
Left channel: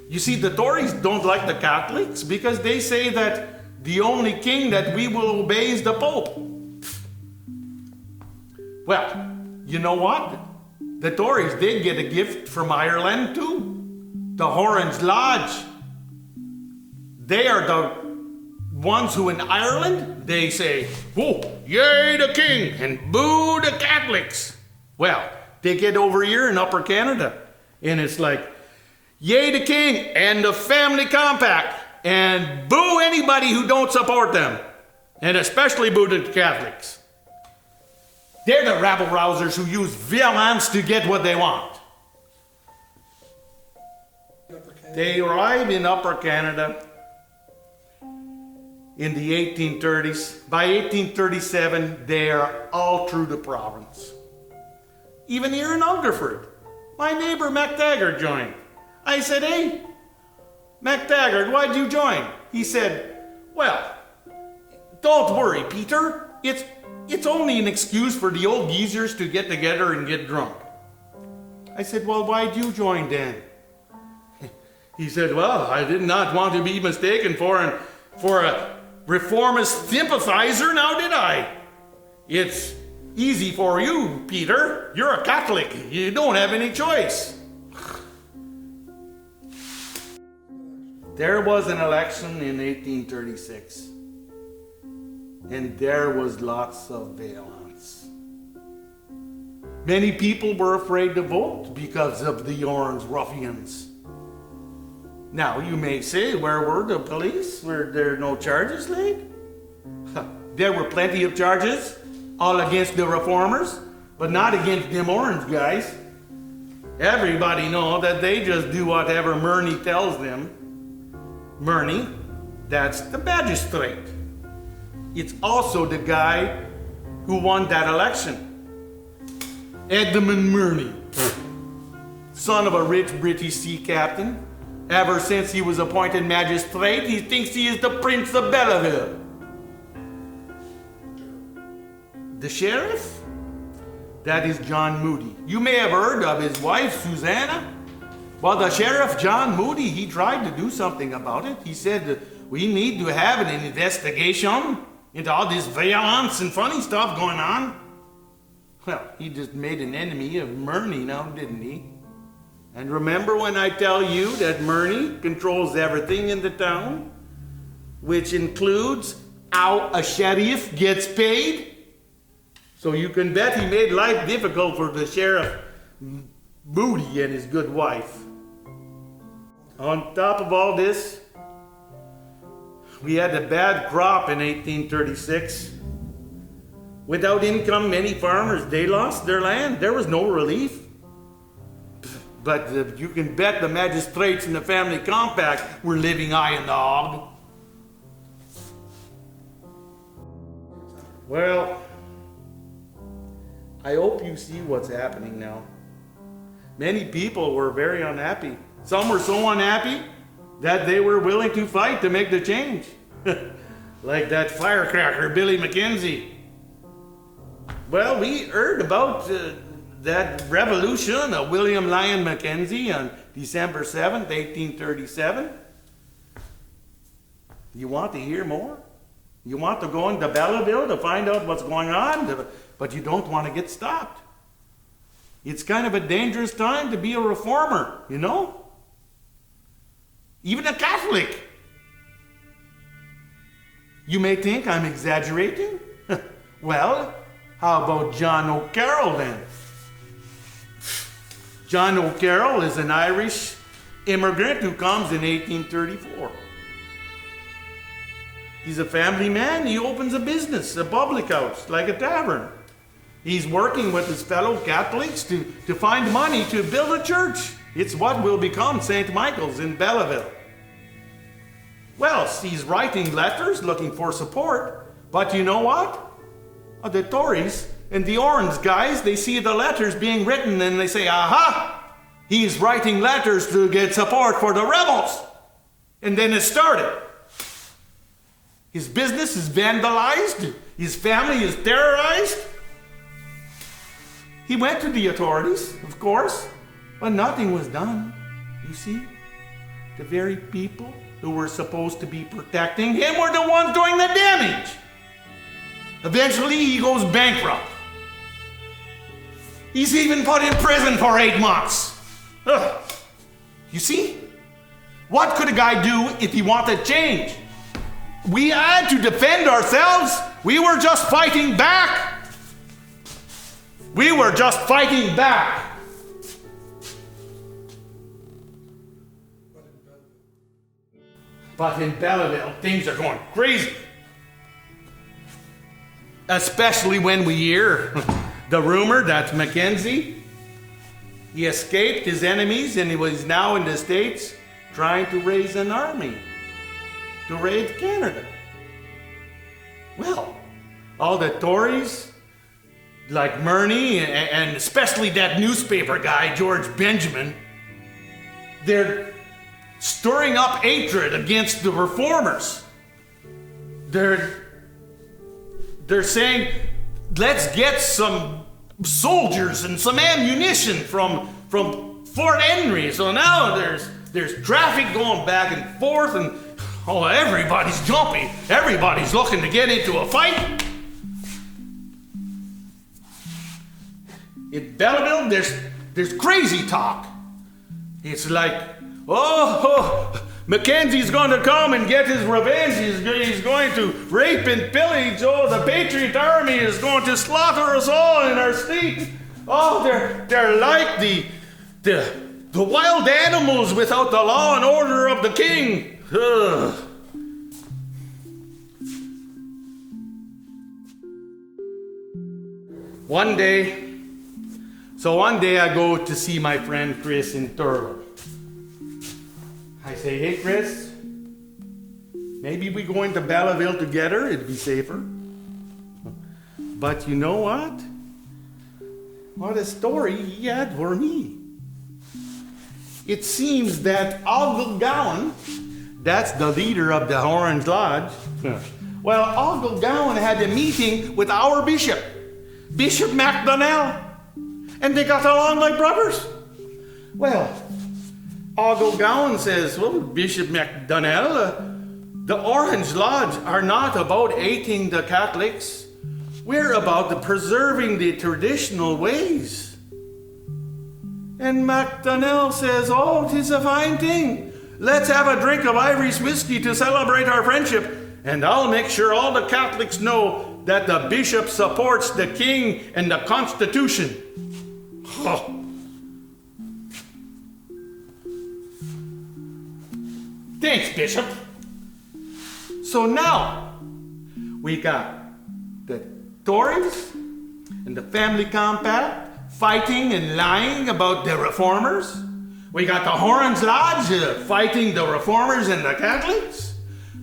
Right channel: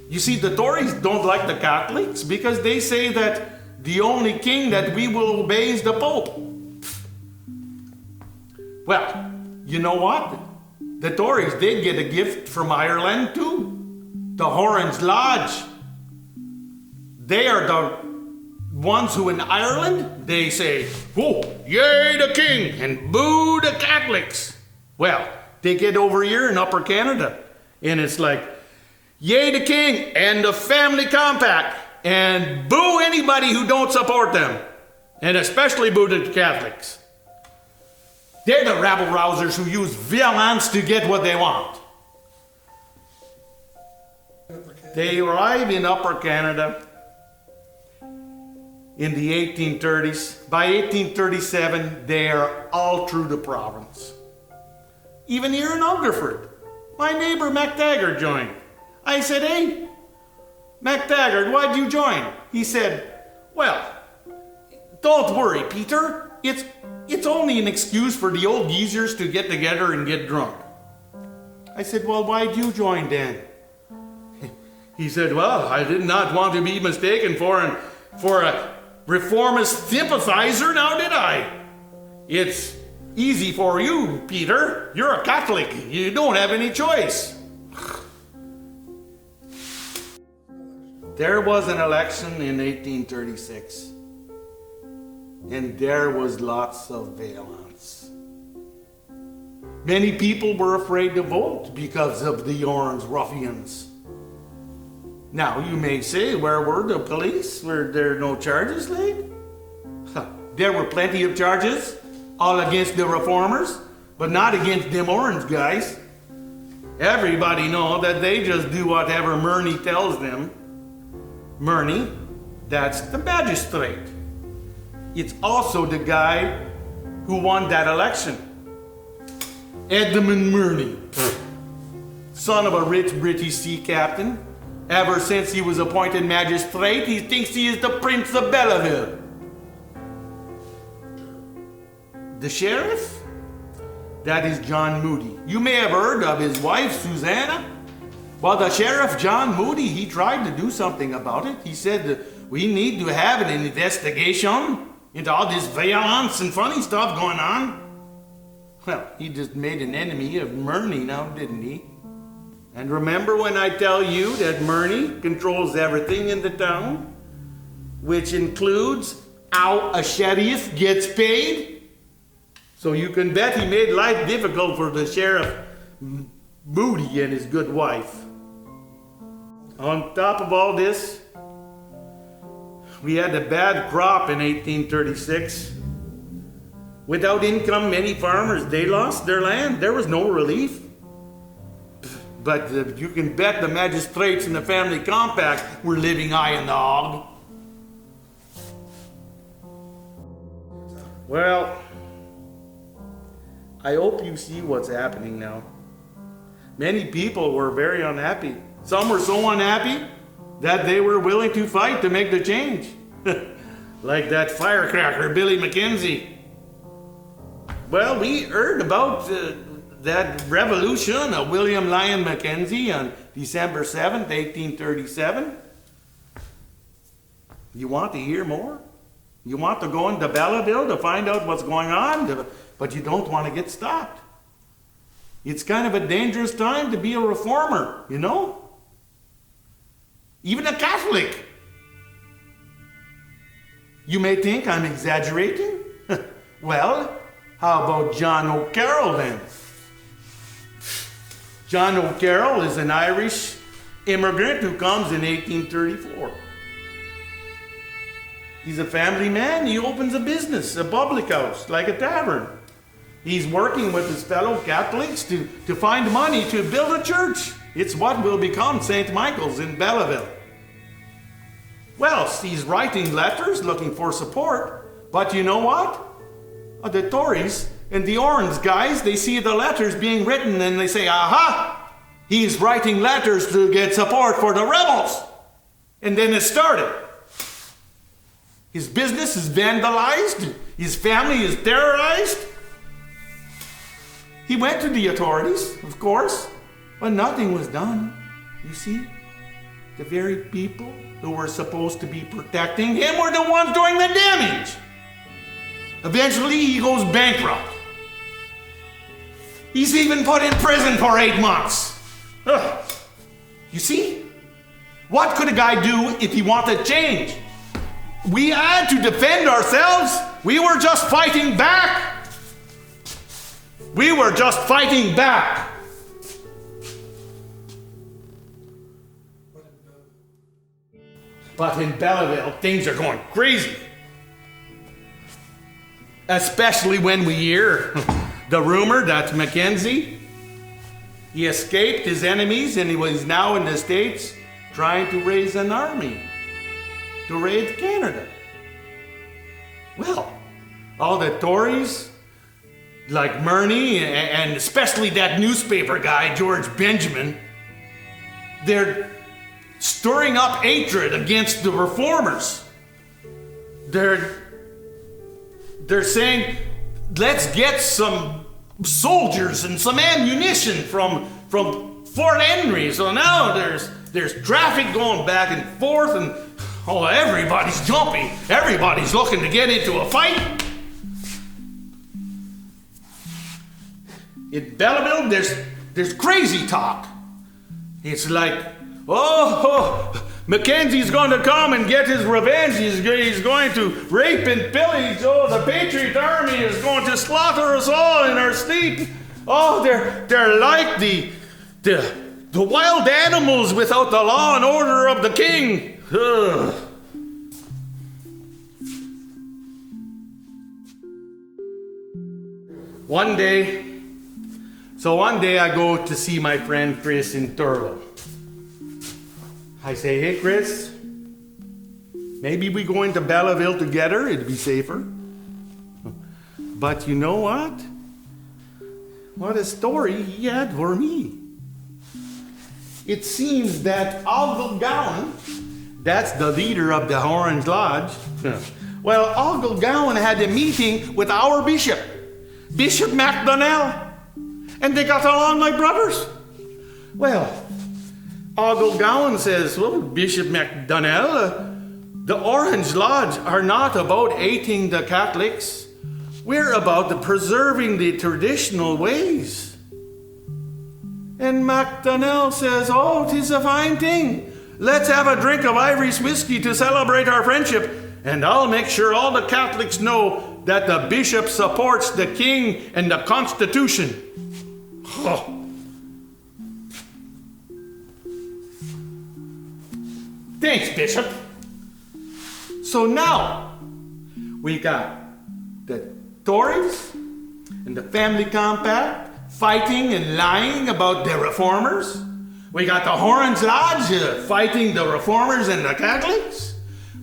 You see, the Tories don't like the Catholics because they say that the only king that we will obey is the Pope. Well, you know what? The Tories did get a gift from Ireland too. The Orange Lodge. They are the ones who in Ireland, they say, oh, yay the king, and boo the Catholics. Well, they get over here in Upper Canada, and it's like, yay the king and the family compact, and boo anybody who don't support them, and especially boo the Catholics. They're the rabble-rousers who use violence to get what they want. They arrive in Upper Canada in the 1830s. By 1837, they are all through the province. Even here in Hungerford, my neighbor MacDonald joined. I said, hey, MacDonald, why'd you join? He said, well, don't worry, Peter. It's only an excuse for the old geezers to get together and get drunk. I said, well, why'd you join then? He said, well, I did not want to be mistaken for a reformist sympathizer, now did I? It's easy for you, Peter. You're a Catholic. You don't have any choice. There was an election in 1836, and there was lots of violence. Many people were afraid to vote because of the Orange ruffians. Now, you may say, where were the police? Were there no charges laid? There were plenty of charges, all against the reformers, but not against them orange guys. Everybody know that they just do whatever Murney tells them. Murney, that's the magistrate. It's also the guy who won that election. Edmund Murney, son of a rich British sea captain, Ever since he was appointed magistrate, he thinks he is the Prince of Belleville. The sheriff? That is John Moody. You may have heard of his wife, Susanna. Well, the sheriff, John Moody, he tried to do something about it. He said that we need to have an investigation into all this violence and funny stuff going on. Well, he just made an enemy of Murney now, didn't he? And remember when I tell you that Murney controls everything in the town, which includes how a sheriff gets paid? So you can bet he made life difficult for the sheriff Moody and his good wife. On top of all this, we had a bad crop in 1836. Without income, many farmers, they lost their land. There was no relief. But you can bet the magistrates and the family compact were living high in the hog. Well, I hope you see what's happening now. Many people were very unhappy. Some were so unhappy that they were willing to fight to make the change. Like that firecracker, Billy Mackenzie. Well, we heard about that revolution of William Lyon Mackenzie on December 7th, 1837. You want to hear more? You want to go into Belleville to find out what's going on, but you don't want to get stopped. It's kind of a dangerous time to be a reformer, you know? Even a Catholic. You may think I'm exaggerating. Well, how about John O'Carroll then? John O'Carroll is an Irish immigrant who comes in 1834. He's a family man. He opens a business, a public house, like a tavern. He's working with his fellow Catholics to find money to build a church. It's what will become St. Michael's in Belleville. Well, he's writing letters looking for support. But you know what? The Tories and the Orange guys, they see the letters being written and they say, aha! He's writing letters to get support for the rebels. And then it started. His business is vandalized. His family is terrorized. He went to the authorities, of course, but nothing was done. You see, the very people who were supposed to be protecting him were the ones doing the damage. Eventually, he goes bankrupt. He's even put in prison for 8 months. Ugh. You see, what could a guy do if he wanted change? We had to defend ourselves. We were just fighting back. We were just fighting back. But in Belleville, things are going crazy. Especially when we hear the rumor that Mackenzie, he escaped his enemies and he was now in the States trying to raise an army to raid Canada. Well, all the Tories, like Murney, and especially that newspaper guy, George Benjamin, they're stirring up hatred against the reformers. They're saying, let's get some soldiers and some ammunition from Fort Henry. So now there's traffic going back and forth, and everybody's jumpy. Everybody's looking to get into a fight. In Belleville, there's crazy talk. It's like, Mackenzie's going to come and get his revenge. He's going to rape and pillage. The Patriot Army is going to slaughter us all in our state. They're like the wild animals without the law and order of the king. Ugh. One day I go to see my friend Chris in Thurlow. I say, hey Chris, maybe we go into Belleville together, it'd be safer. But you know what? What a story he had for me. it seems that Ogle Gowan, that's the leader of the Orange Lodge, well, Ogle Gowan had a meeting with our bishop, Bishop MacDonald, and they got along like brothers. Well, Ogle Gowan says, well, Bishop MacDonald, the Orange Lodge are not about hating the Catholics. We're about the preserving the traditional ways. And MacDonald says, oh, 'tis a fine thing. Let's have a drink of Irish whiskey to celebrate our friendship, and I'll make sure all the Catholics know that the bishop supports the king and the Constitution. Oh. Thanks, Bishop. So now, we got the Tories and the Family Compact fighting and lying about the reformers. We got the Orange Lodge fighting the reformers and the Catholics.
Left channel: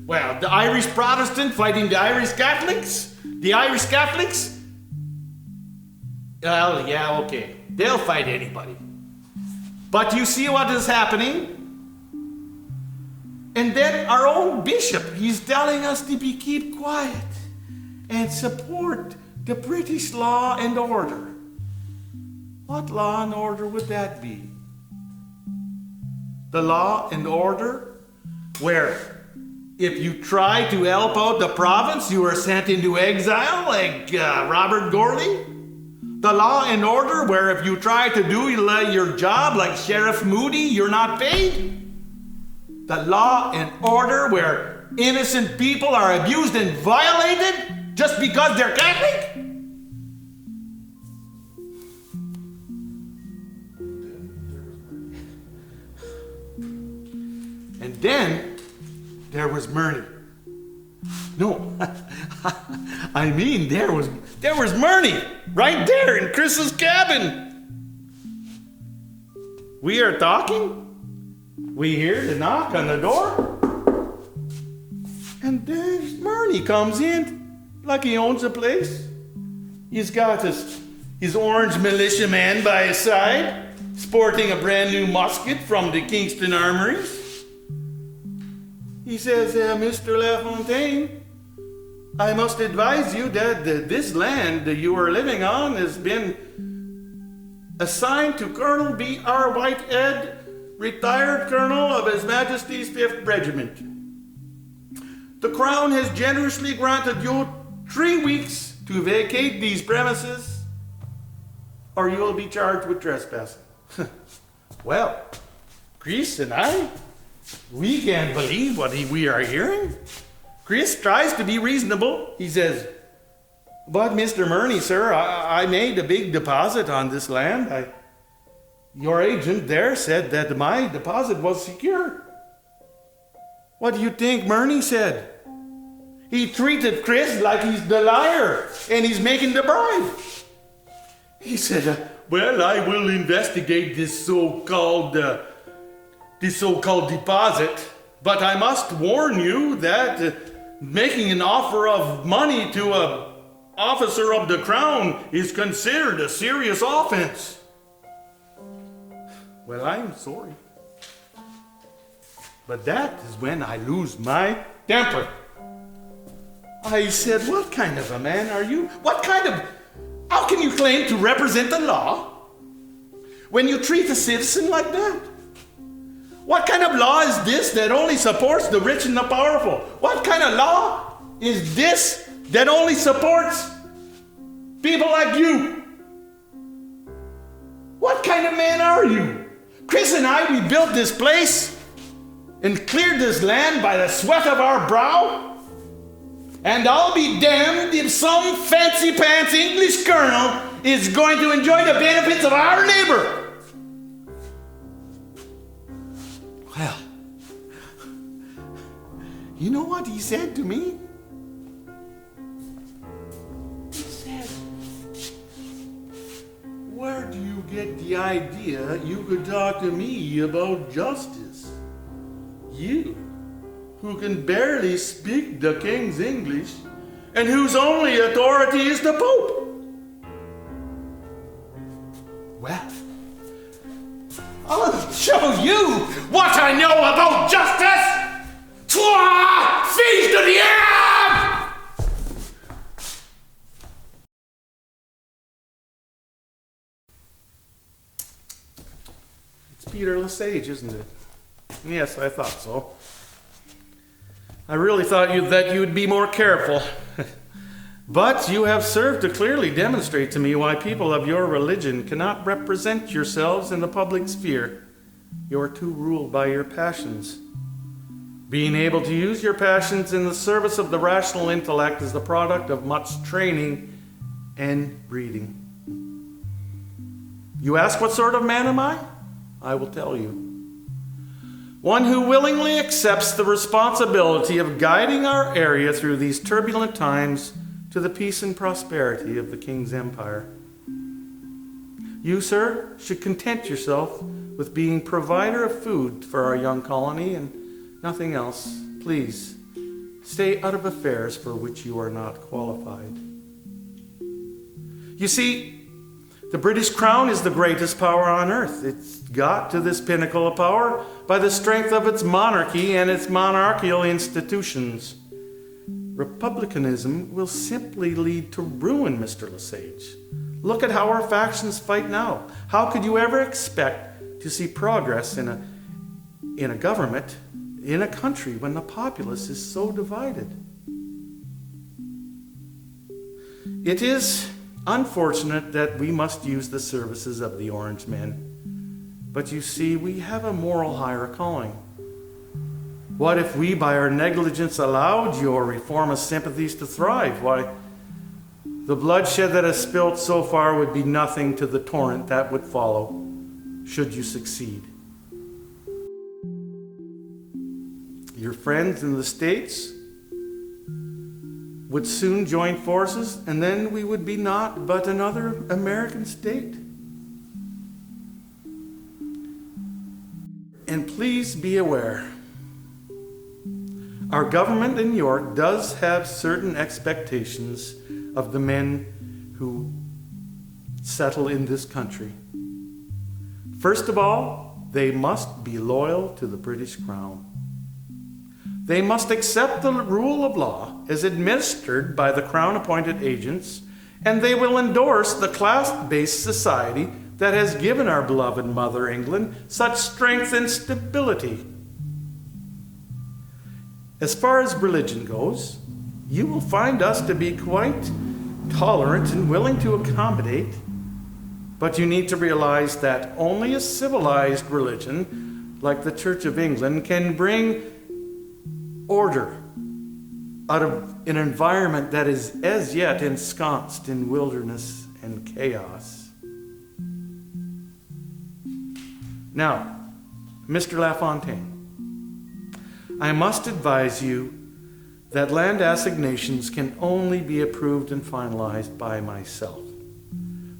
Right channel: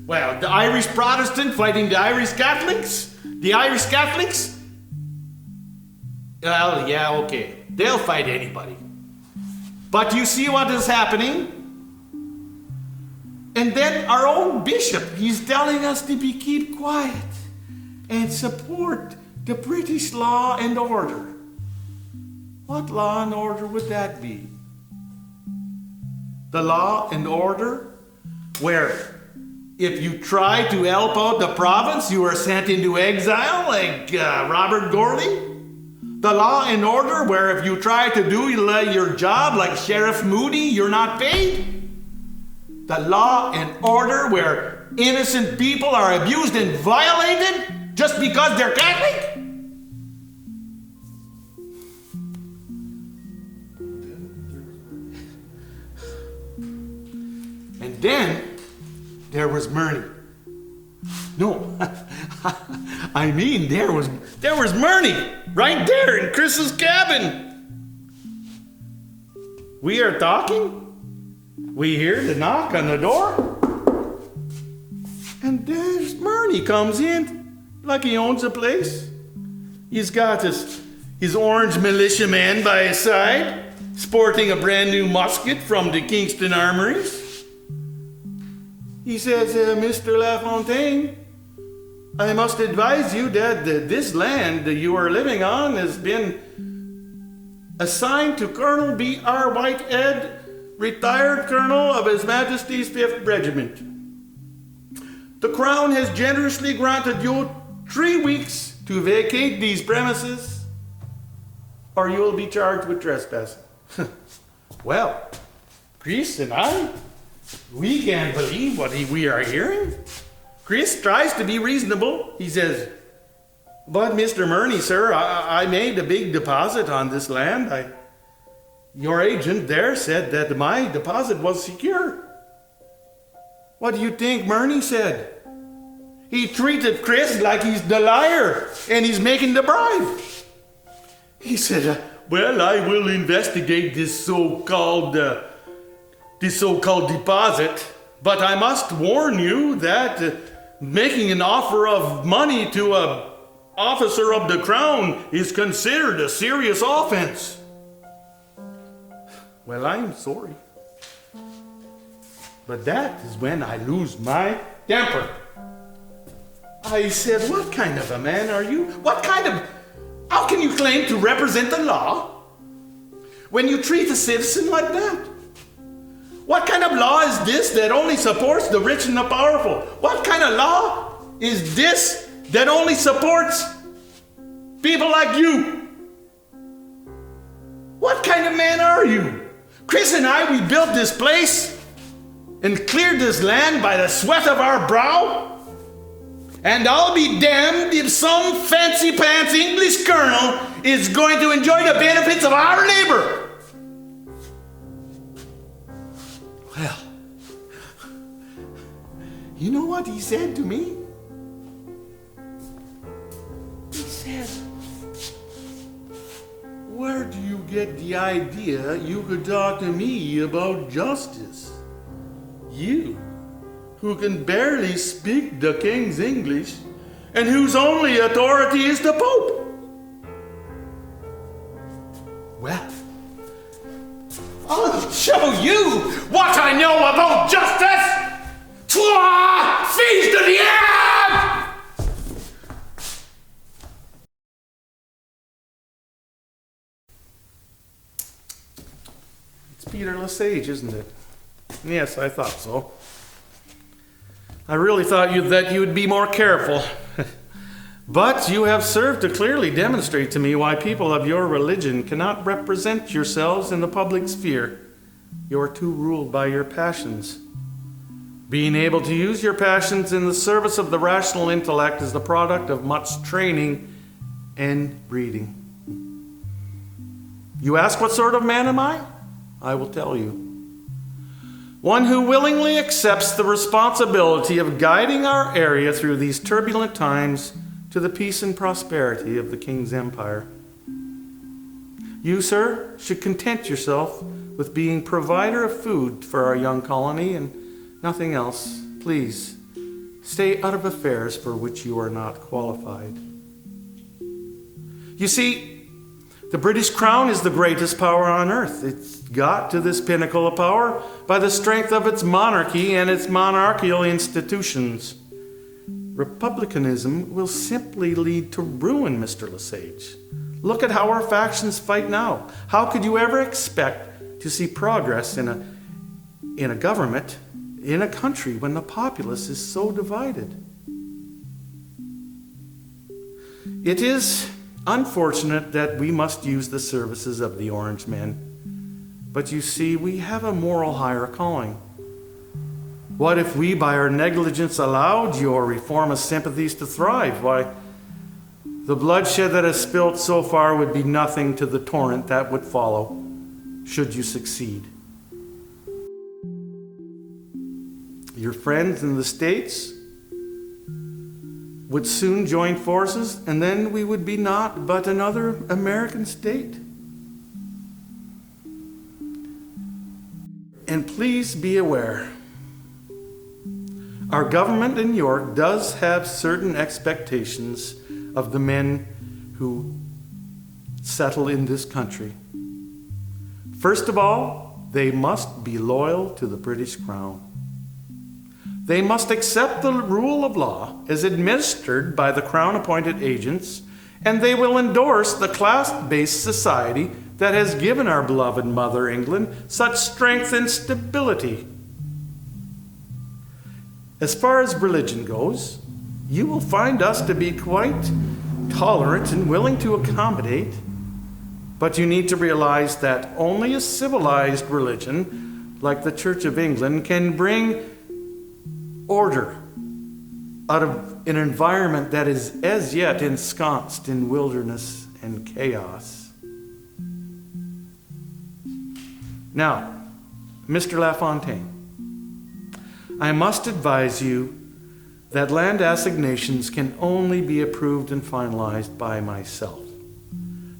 Well, the Irish Protestant fighting the Irish Catholics. The Irish Catholics? Well, yeah, okay. They'll fight anybody. But you see what is happening? And then our own bishop, he's telling us to keep quiet and support the British law and order. What law and order would that be? The law and order where if you try to help out the province, you are sent into exile like Robert Gourley? The law and order where if you try to do your job like Sheriff Moody, you're not paid? The law and order where innocent people are abused and violated just because they're Catholic? And then there was Murney. No, I mean there was Murney right there in Chris's cabin. We are talking. We hear the knock on the door. And there's Murney comes in like he owns the place. He's got his orange militiaman by his side, sporting a brand new musket from the Kingston Armories. He says, Mr. LaFontaine, I must advise you that this land that you are living on has been assigned to Colonel B.R. Whitehead, retired colonel of His Majesty's 5th Regiment. The Crown has generously granted you 3 weeks to vacate these premises, or you will be charged with trespassing. Well, Chris and I, we can't believe what we are hearing. Chris tries to be reasonable. He says, but Mr. Murney, sir, I made a big deposit on this land. Your agent there said that my deposit was secure. What do you think Murney said? He treated Chris like he's the liar and he's making the bribe. He said, well, I will investigate this so-called deposit, but I must warn you that making an offer of money to an officer of the Crown is considered a serious offense. Well, I'm sorry. But that is when I lose my temper. I said, what kind of a man are you? How can you claim to represent the law when you treat a citizen like that? What kind of law is this that only supports the rich and the powerful? What kind of law is this that only supports people like you? What kind of man are you? Chris and I, we built this place and cleared this land by the sweat of our brow. And I'll be damned if some fancy pants English colonel is going to enjoy the benefits of our neighbor. Well, you know what he said to me? He said, where do you get the idea you could talk to me about justice? You, who can barely speak the king's English, and whose only authority is the Pope. Well, I'll show you I know about justice? Toi, fils de diable! It's Pierre Lesage, isn't it? Yes, I thought so. I really thought that you'd be more careful. But you have served to clearly demonstrate to me why people of your religion cannot represent yourselves in the public sphere. You are too ruled by your passions. Being able to use your passions in the service of the rational intellect is the product of much training and breeding. You ask what sort of man am I? I will tell you. One who willingly accepts the responsibility of guiding our area through these turbulent times to the peace and prosperity of the King's Empire. You, sir, should content yourself with being provider of food for our young colony and nothing else. Please, stay out of affairs for which you are not qualified. You see, the British Crown is the greatest power on earth. It's got to this pinnacle of power by the strength of its monarchy and its monarchical institutions. Republicanism will simply lead to ruin, Mr. Lesage. Look at how our factions fight now. How could you ever expect to see progress in a government, in a country, when the populace is so divided? It is unfortunate that we must use the services of the Orange Men. But you see, we have a moral higher calling. What if we, by our negligence, allowed your reformist sympathies to thrive? Why, the bloodshed that has spilt so far would be nothing to the torrent that would follow, should you succeed. Your friends in the States would soon join forces, and then we would be naught but another American state. And please be aware, our government in York does have certain expectations of the men who settle in this country. First of all, they must be loyal to the British Crown. They must accept the rule of law as administered by the Crown-appointed agents, and they will endorse the class-based society that has given our beloved Mother England such strength and stability. As far as religion goes, you will find us to be quite tolerant and willing to accommodate, but you need to realize that only a civilized religion, like the Church of England, can bring order out of an environment that is as yet ensconced in wilderness and chaos. Now, Mr. LaFontaine, I must advise you that land assignations can only be approved and finalized by myself.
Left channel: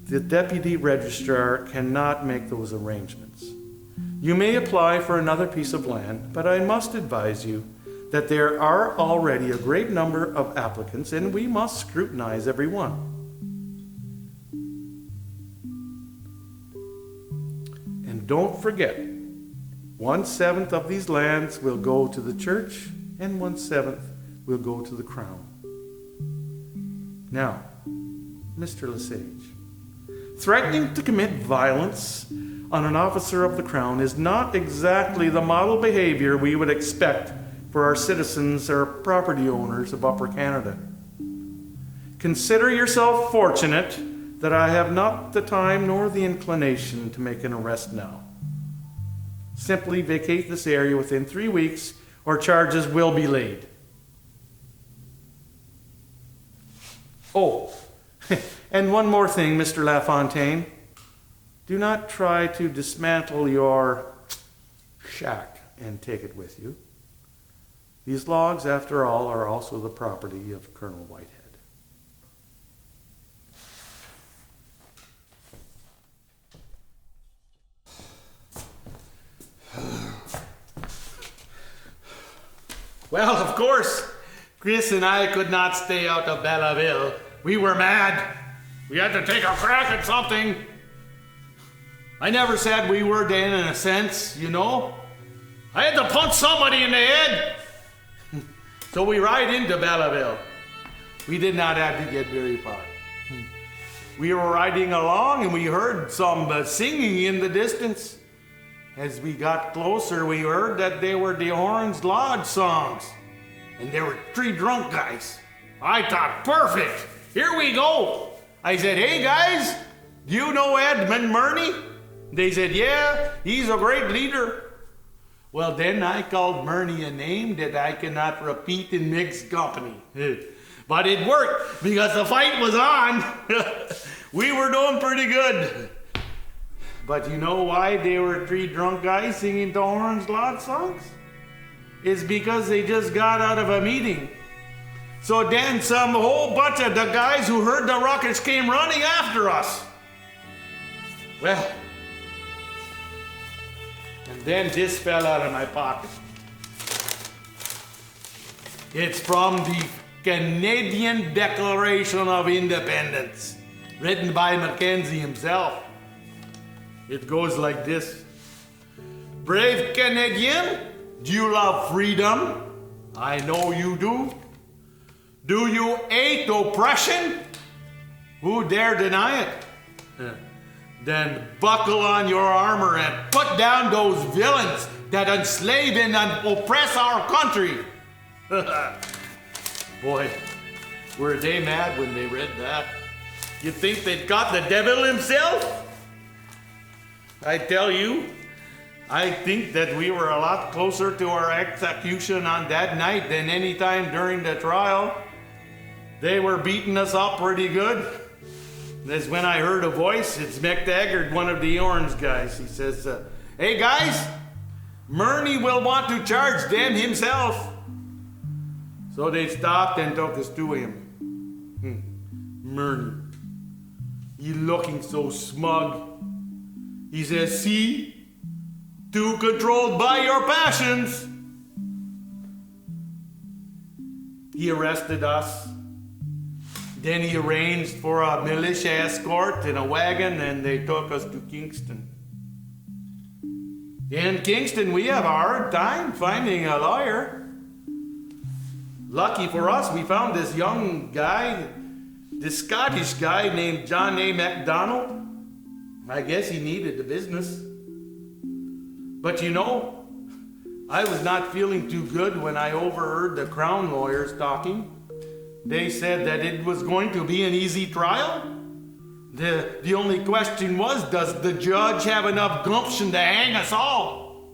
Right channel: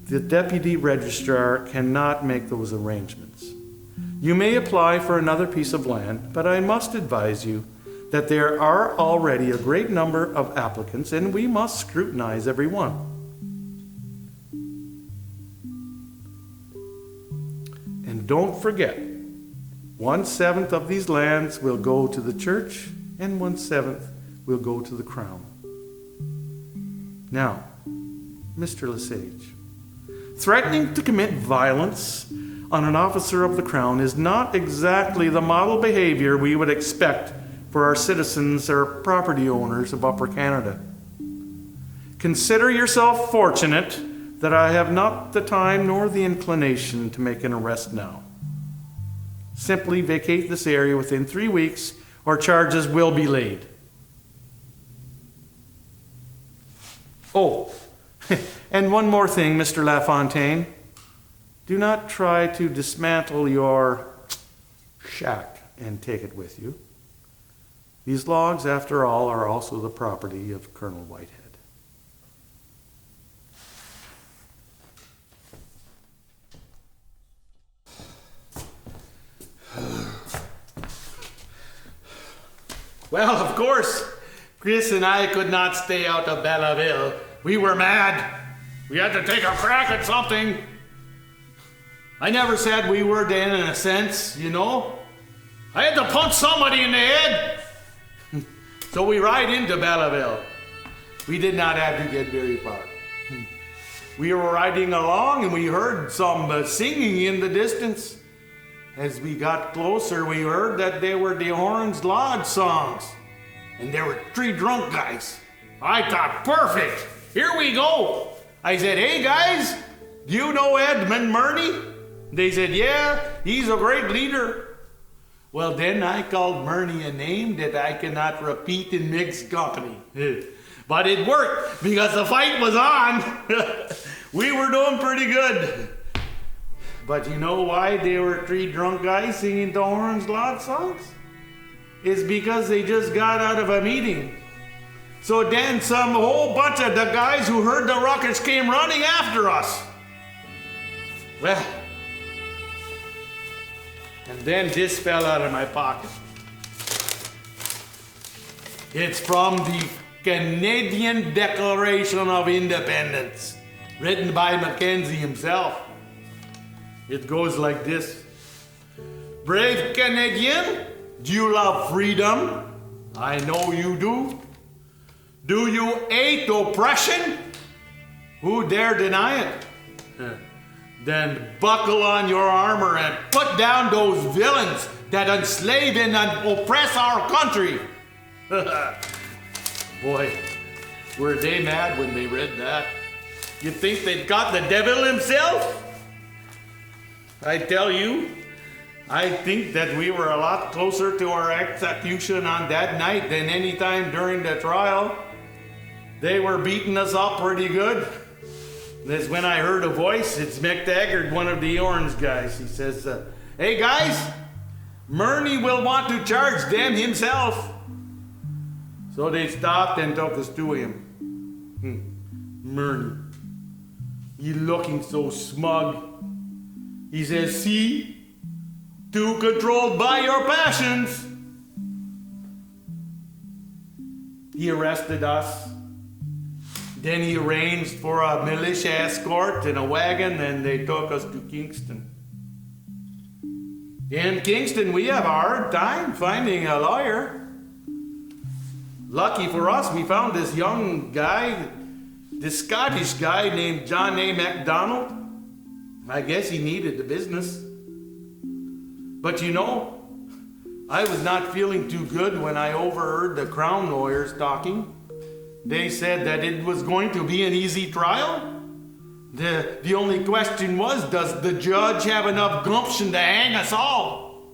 The Deputy Registrar cannot make those arrangements. You may apply for another piece of land, but I must advise you that there are already a great number of applicants, and we must scrutinize every one. And don't forget, 1/7 of these lands will go to the church, and 1/7 will go to the crown. Now, Mr. Lesage, threatening to commit violence on an officer of the crown is not exactly the model behavior we would expect for our citizens or property owners of Upper Canada. Consider yourself fortunate that I have not the time nor the inclination to make an arrest now. Simply vacate this area within 3 weeks, or charges will be laid. Oh, and one more thing, Mr. LaFontaine. Do not try to dismantle your shack and take it with you. These logs, after all, are also the property of Colonel Whitehead. Well, of course, Chris and I could not stay out of Belleville. We were mad. We had to take a crack at something. I never said we were then, in a sense, you know. I had to punch somebody in the head. So we ride into Belleville. We did not have to get very far. We were riding along and we heard some singing in the distance. As we got closer, we heard that they were the Orange Lodge songs. And there were 3 drunk guys. I thought, perfect, here we go. I said, hey guys, do you know Edmund Murney? They said, yeah, he's a great leader. Well, then I called Murney a name that I cannot repeat in mixed company. But it worked because the fight was on. We were doing pretty good. But you know why they were 3 drunk guys singing the Orange Lodge songs? It's because they just got out of a meeting. So then some whole bunch of the guys who heard the ruckus came running after us. Well, and then this fell out of my pocket. It's from the Canadian Declaration of Independence, written by Mackenzie himself. It goes like this. Brave Canadian, do you love freedom? I know you do. Do you hate oppression? Who dare deny it? Then buckle on your armor and put down those villains that enslave and oppress our country. Boy, were they mad when they read that? You think they'd got the devil himself? I tell you, I think that we were a lot closer to our execution on that night than any time during the trial. They were beating us up pretty good. That's when I heard a voice. It's McTaggart, one of the Orange guys. He says, hey guys, Murney will want to charge them himself. So they stopped and took us to him. Murney, he looking so smug. He says, see, too controlled by your passions. He arrested us. Then he arranged for a militia escort in a wagon and they took us to Kingston. In Kingston, we have a hard time finding a lawyer. Lucky for us, we found this young guy, this Scottish guy named John A. MacDonald. I guess he needed the business. But you know, I was not feeling too good when I overheard the Crown lawyers talking. They said that it was going to be an easy trial. The only question was, does the judge have enough gumption to hang us all?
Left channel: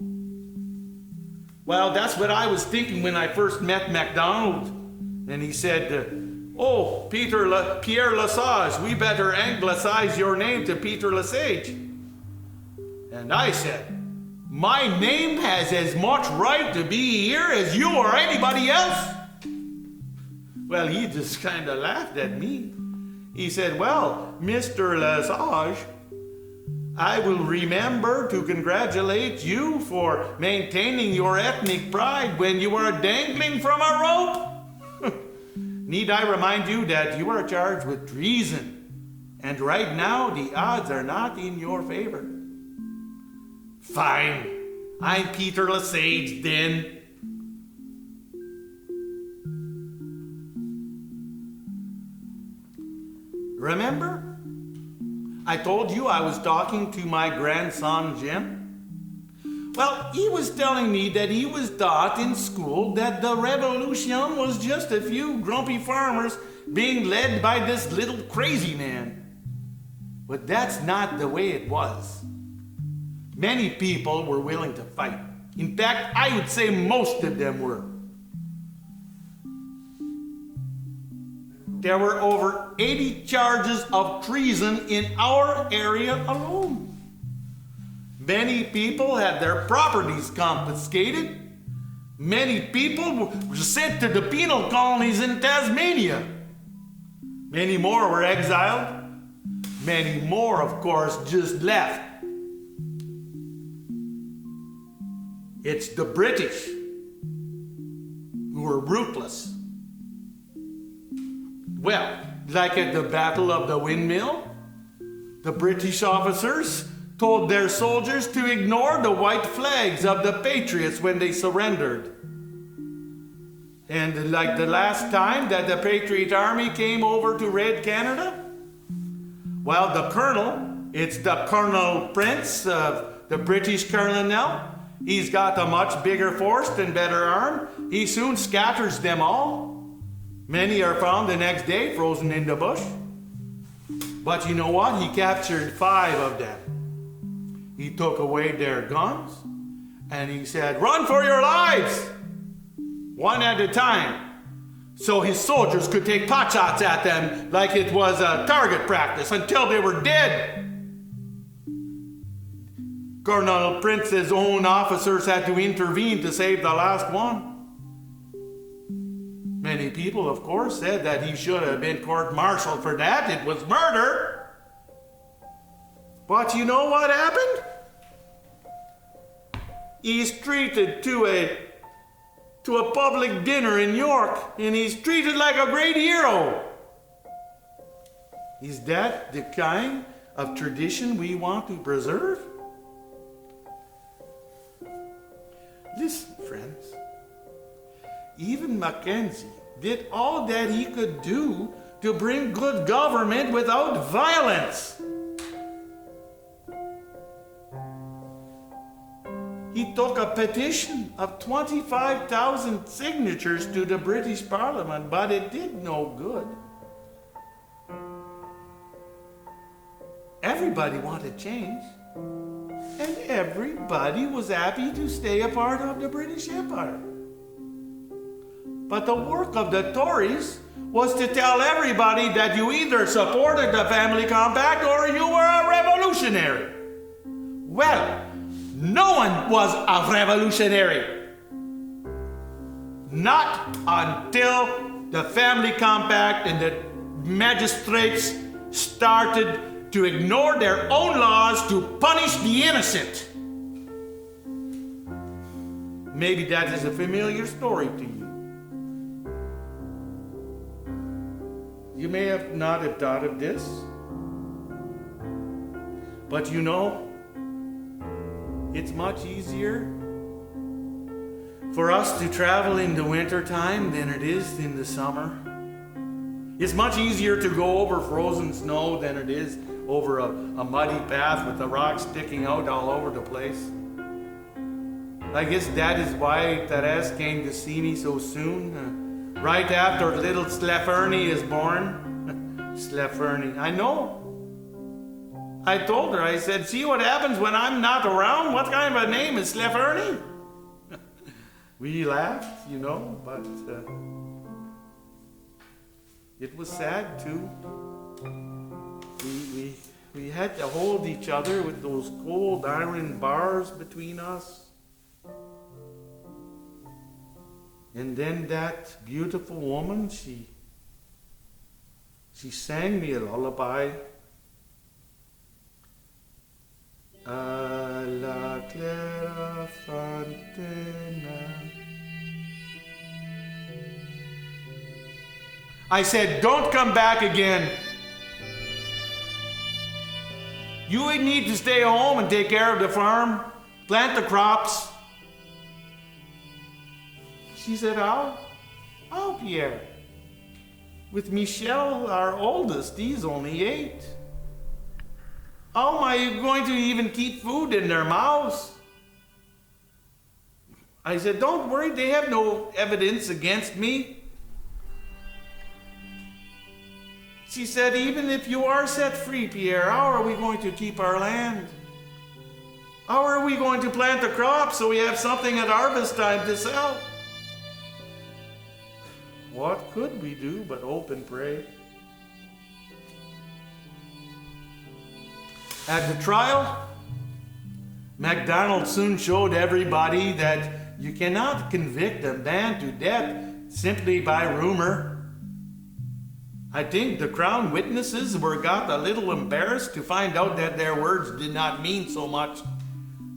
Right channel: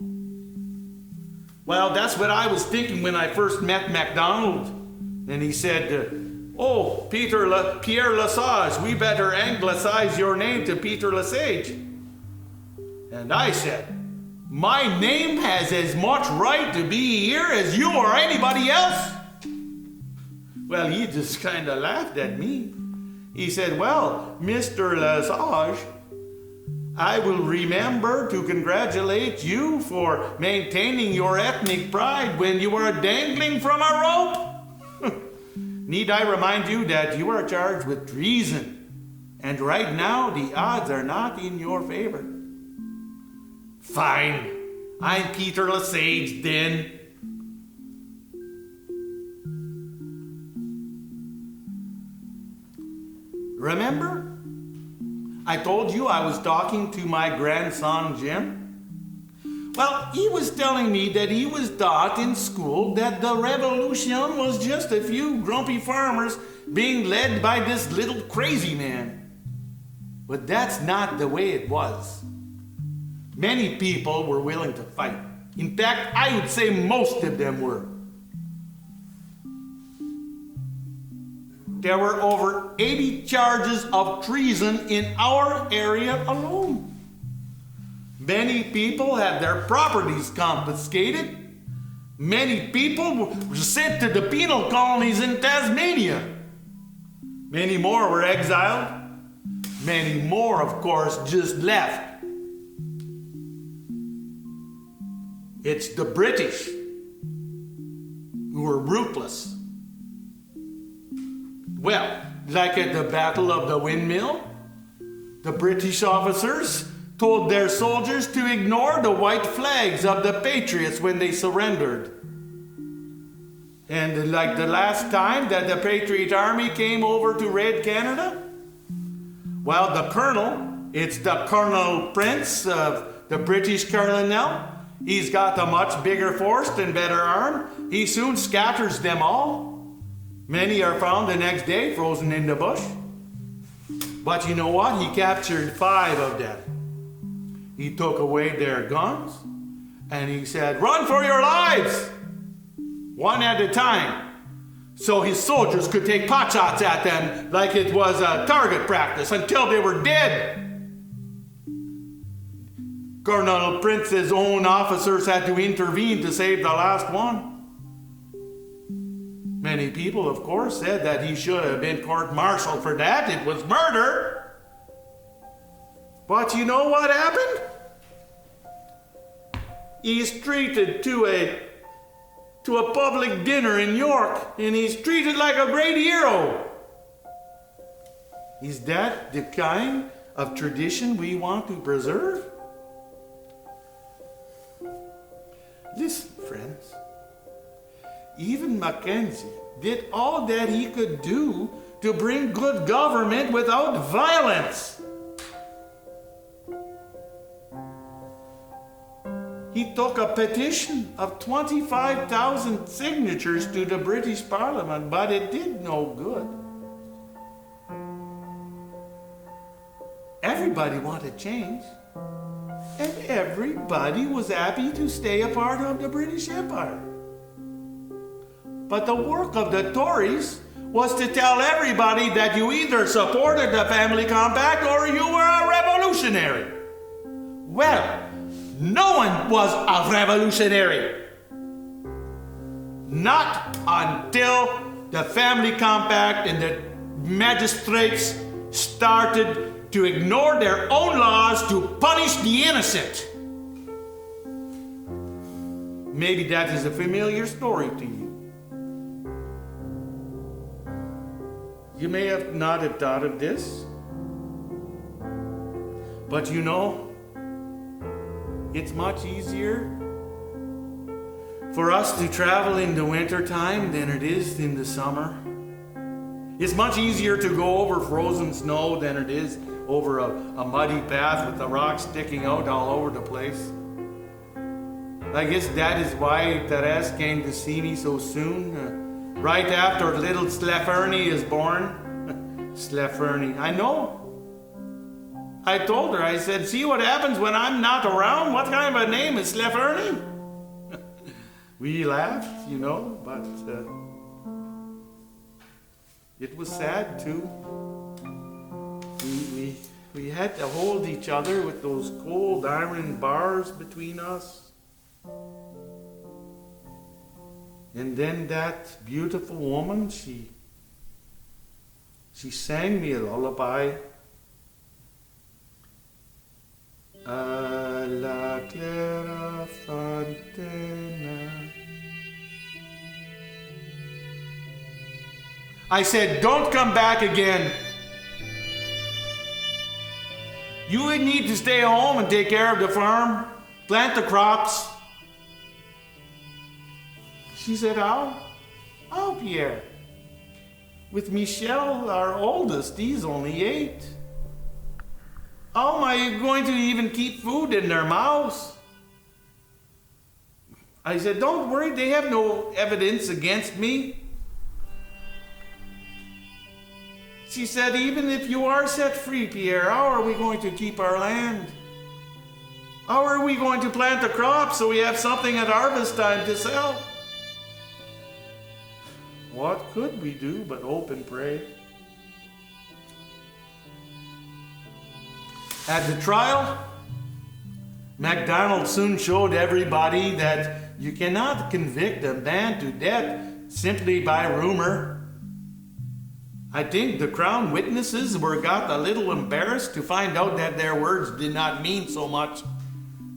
Well, that's what I was thinking when I first met MacDonald. And he said, oh, Pierre Lesage, we better anglicize your name to Pierre Lesage. And I said, my name has as much right to be here as you or anybody else. Well, he just kind of laughed at me. He said, well, Mr. Lesage, I will remember to congratulate you for maintaining your ethnic pride when you were dangling from a rope. Need I remind you that you are charged with treason, and right now the odds are not in your favor. Fine, I'm Pierre Lesage then. Remember? I told you I was talking to my grandson Jim. Well, he was telling me that he was taught in school that the revolution was just a few grumpy farmers being led by this little crazy man. But that's not the way it was. Many people were willing to fight. In fact, I would say most of them were. There were over 80 charges of treason in our area alone. Many people had their properties confiscated. Many people were sent to the penal colonies in Tasmania. Many more were exiled. Many more, of course, just left. It's the British who were ruthless. Well, like at the Battle of the Windmill, the British officers told their soldiers to ignore the white flags of the patriots when they surrendered. And like the last time that the Patriot Army came over to raid Canada, well, the colonel, it's the Colonel Prince of the British Colonel, he's got a much bigger force and better arm. He soon scatters them all. Many are found the next day frozen in the bush. But you know what? He captured 5 of them. He took away their guns and he said, "Run for your lives!" one at a time. So his soldiers could take pot shots at them like it was a target practice until they were dead. Colonel Prince's own officers had to intervene to save the last one. Many people, of course, said that he should have been court-martialed for that. It was murder. But you know what happened? He's treated to a public dinner in York, and he's treated like a great hero. Is that the kind of tradition we want to preserve? Listen, friends. Even Mackenzie did all that he could do to bring good government without violence. He took a petition of 25,000 signatures to the British Parliament, but it did no good. Everybody wanted change, and everybody was happy to stay a part of the British Empire. But the work of the Tories was to tell everybody that you either supported the family compact or you were a revolutionary. Well, no one was a revolutionary. Not until the family compact and the magistrates started to ignore their own laws to punish the innocent. Maybe that is a familiar story to you. You may have not have thought of this, but you know, it's much easier for us to travel in the wintertime than it is in the summer. It's much easier to go over frozen snow than it is over a muddy path with the rocks sticking out all over the place. I guess that is why Therese came to see me so soon, right after little Slefferny is born. Slefferny, I know. I told her, I said, see what happens when I'm not around? What kind of a name is Slefferny? We laughed, you know, but it was sad too. We had to hold each other with those cold iron bars between us. And then that beautiful woman, she sang me a lullaby. A la clara fontana. I said, don't come back again. You would need to stay home and take care of the farm, plant the crops. She said, how, Pierre? With Michel, our oldest, he's only 8. How am I going to even keep food in their mouths? I said, don't worry, they have no evidence against me. She said, even if you are set free, Pierre, how are we going to keep our land? How are we going to plant the crops so we have something at harvest time to sell? What could we do but hope and pray? At the trial, MacDonald soon showed everybody that you cannot convict a man to death simply by rumor. I think the Crown witnesses got a little embarrassed to find out that their words did not mean so much.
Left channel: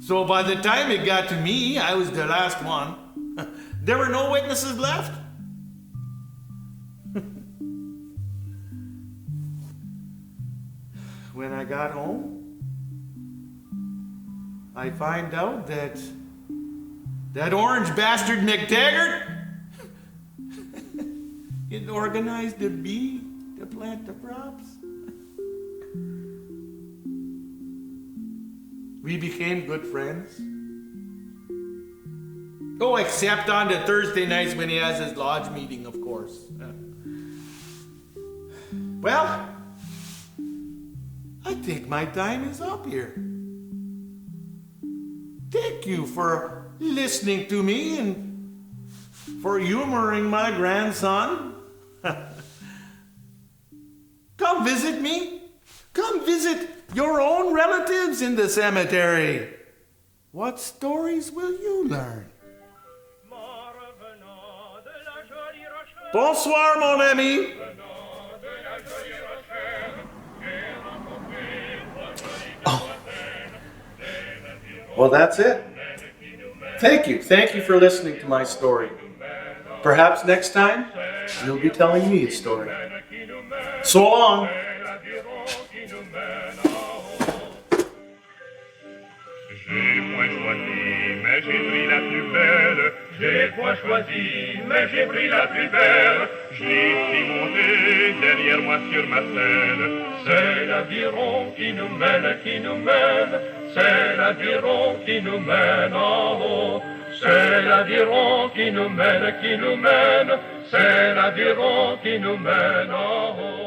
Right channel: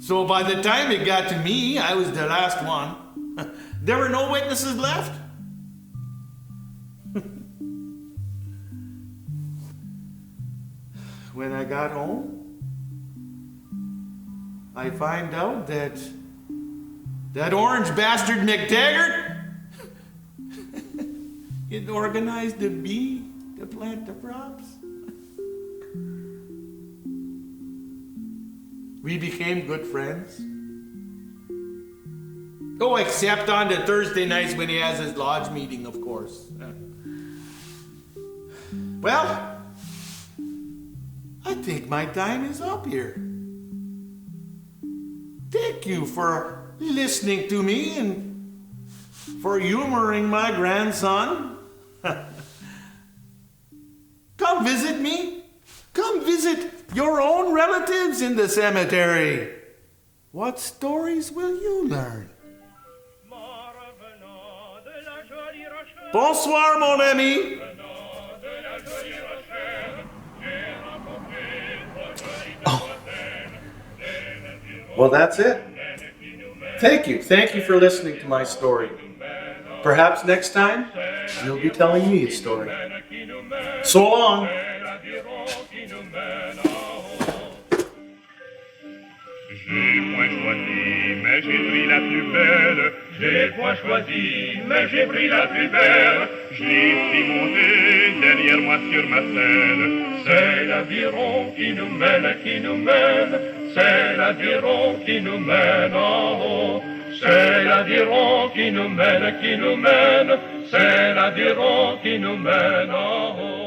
So by the time it got to me, I was the last one. There were no witnesses left. When I got home, I find out that orange bastard McTaggart had organized the bee to plant the crops. We became good friends. Oh, except on the Thursday nights when he has his lodge meeting, of course. Well, I think my time is up here. Thank you for listening to me and for humoring my grandson. Come visit me. Come visit your own relatives in the cemetery. What stories will you learn? Bonsoir, mon ami. Oh. Well, that's it. Thank you. Thank you for listening to my story. Perhaps next time, you'll be telling me a story. So long. J'ai point choisi, mais j'ai pris la plus belle. J'ai point choisi, mais j'ai pris la plus belle. Je l'ai pris monter derrière moi sur ma selle. C'est l'aviron qui nous mène, qui nous mène. C'est l'aviron qui nous mène en haut. C'est l'aviron qui nous mène, qui nous mène. C'est l'aviron qui nous mène en haut.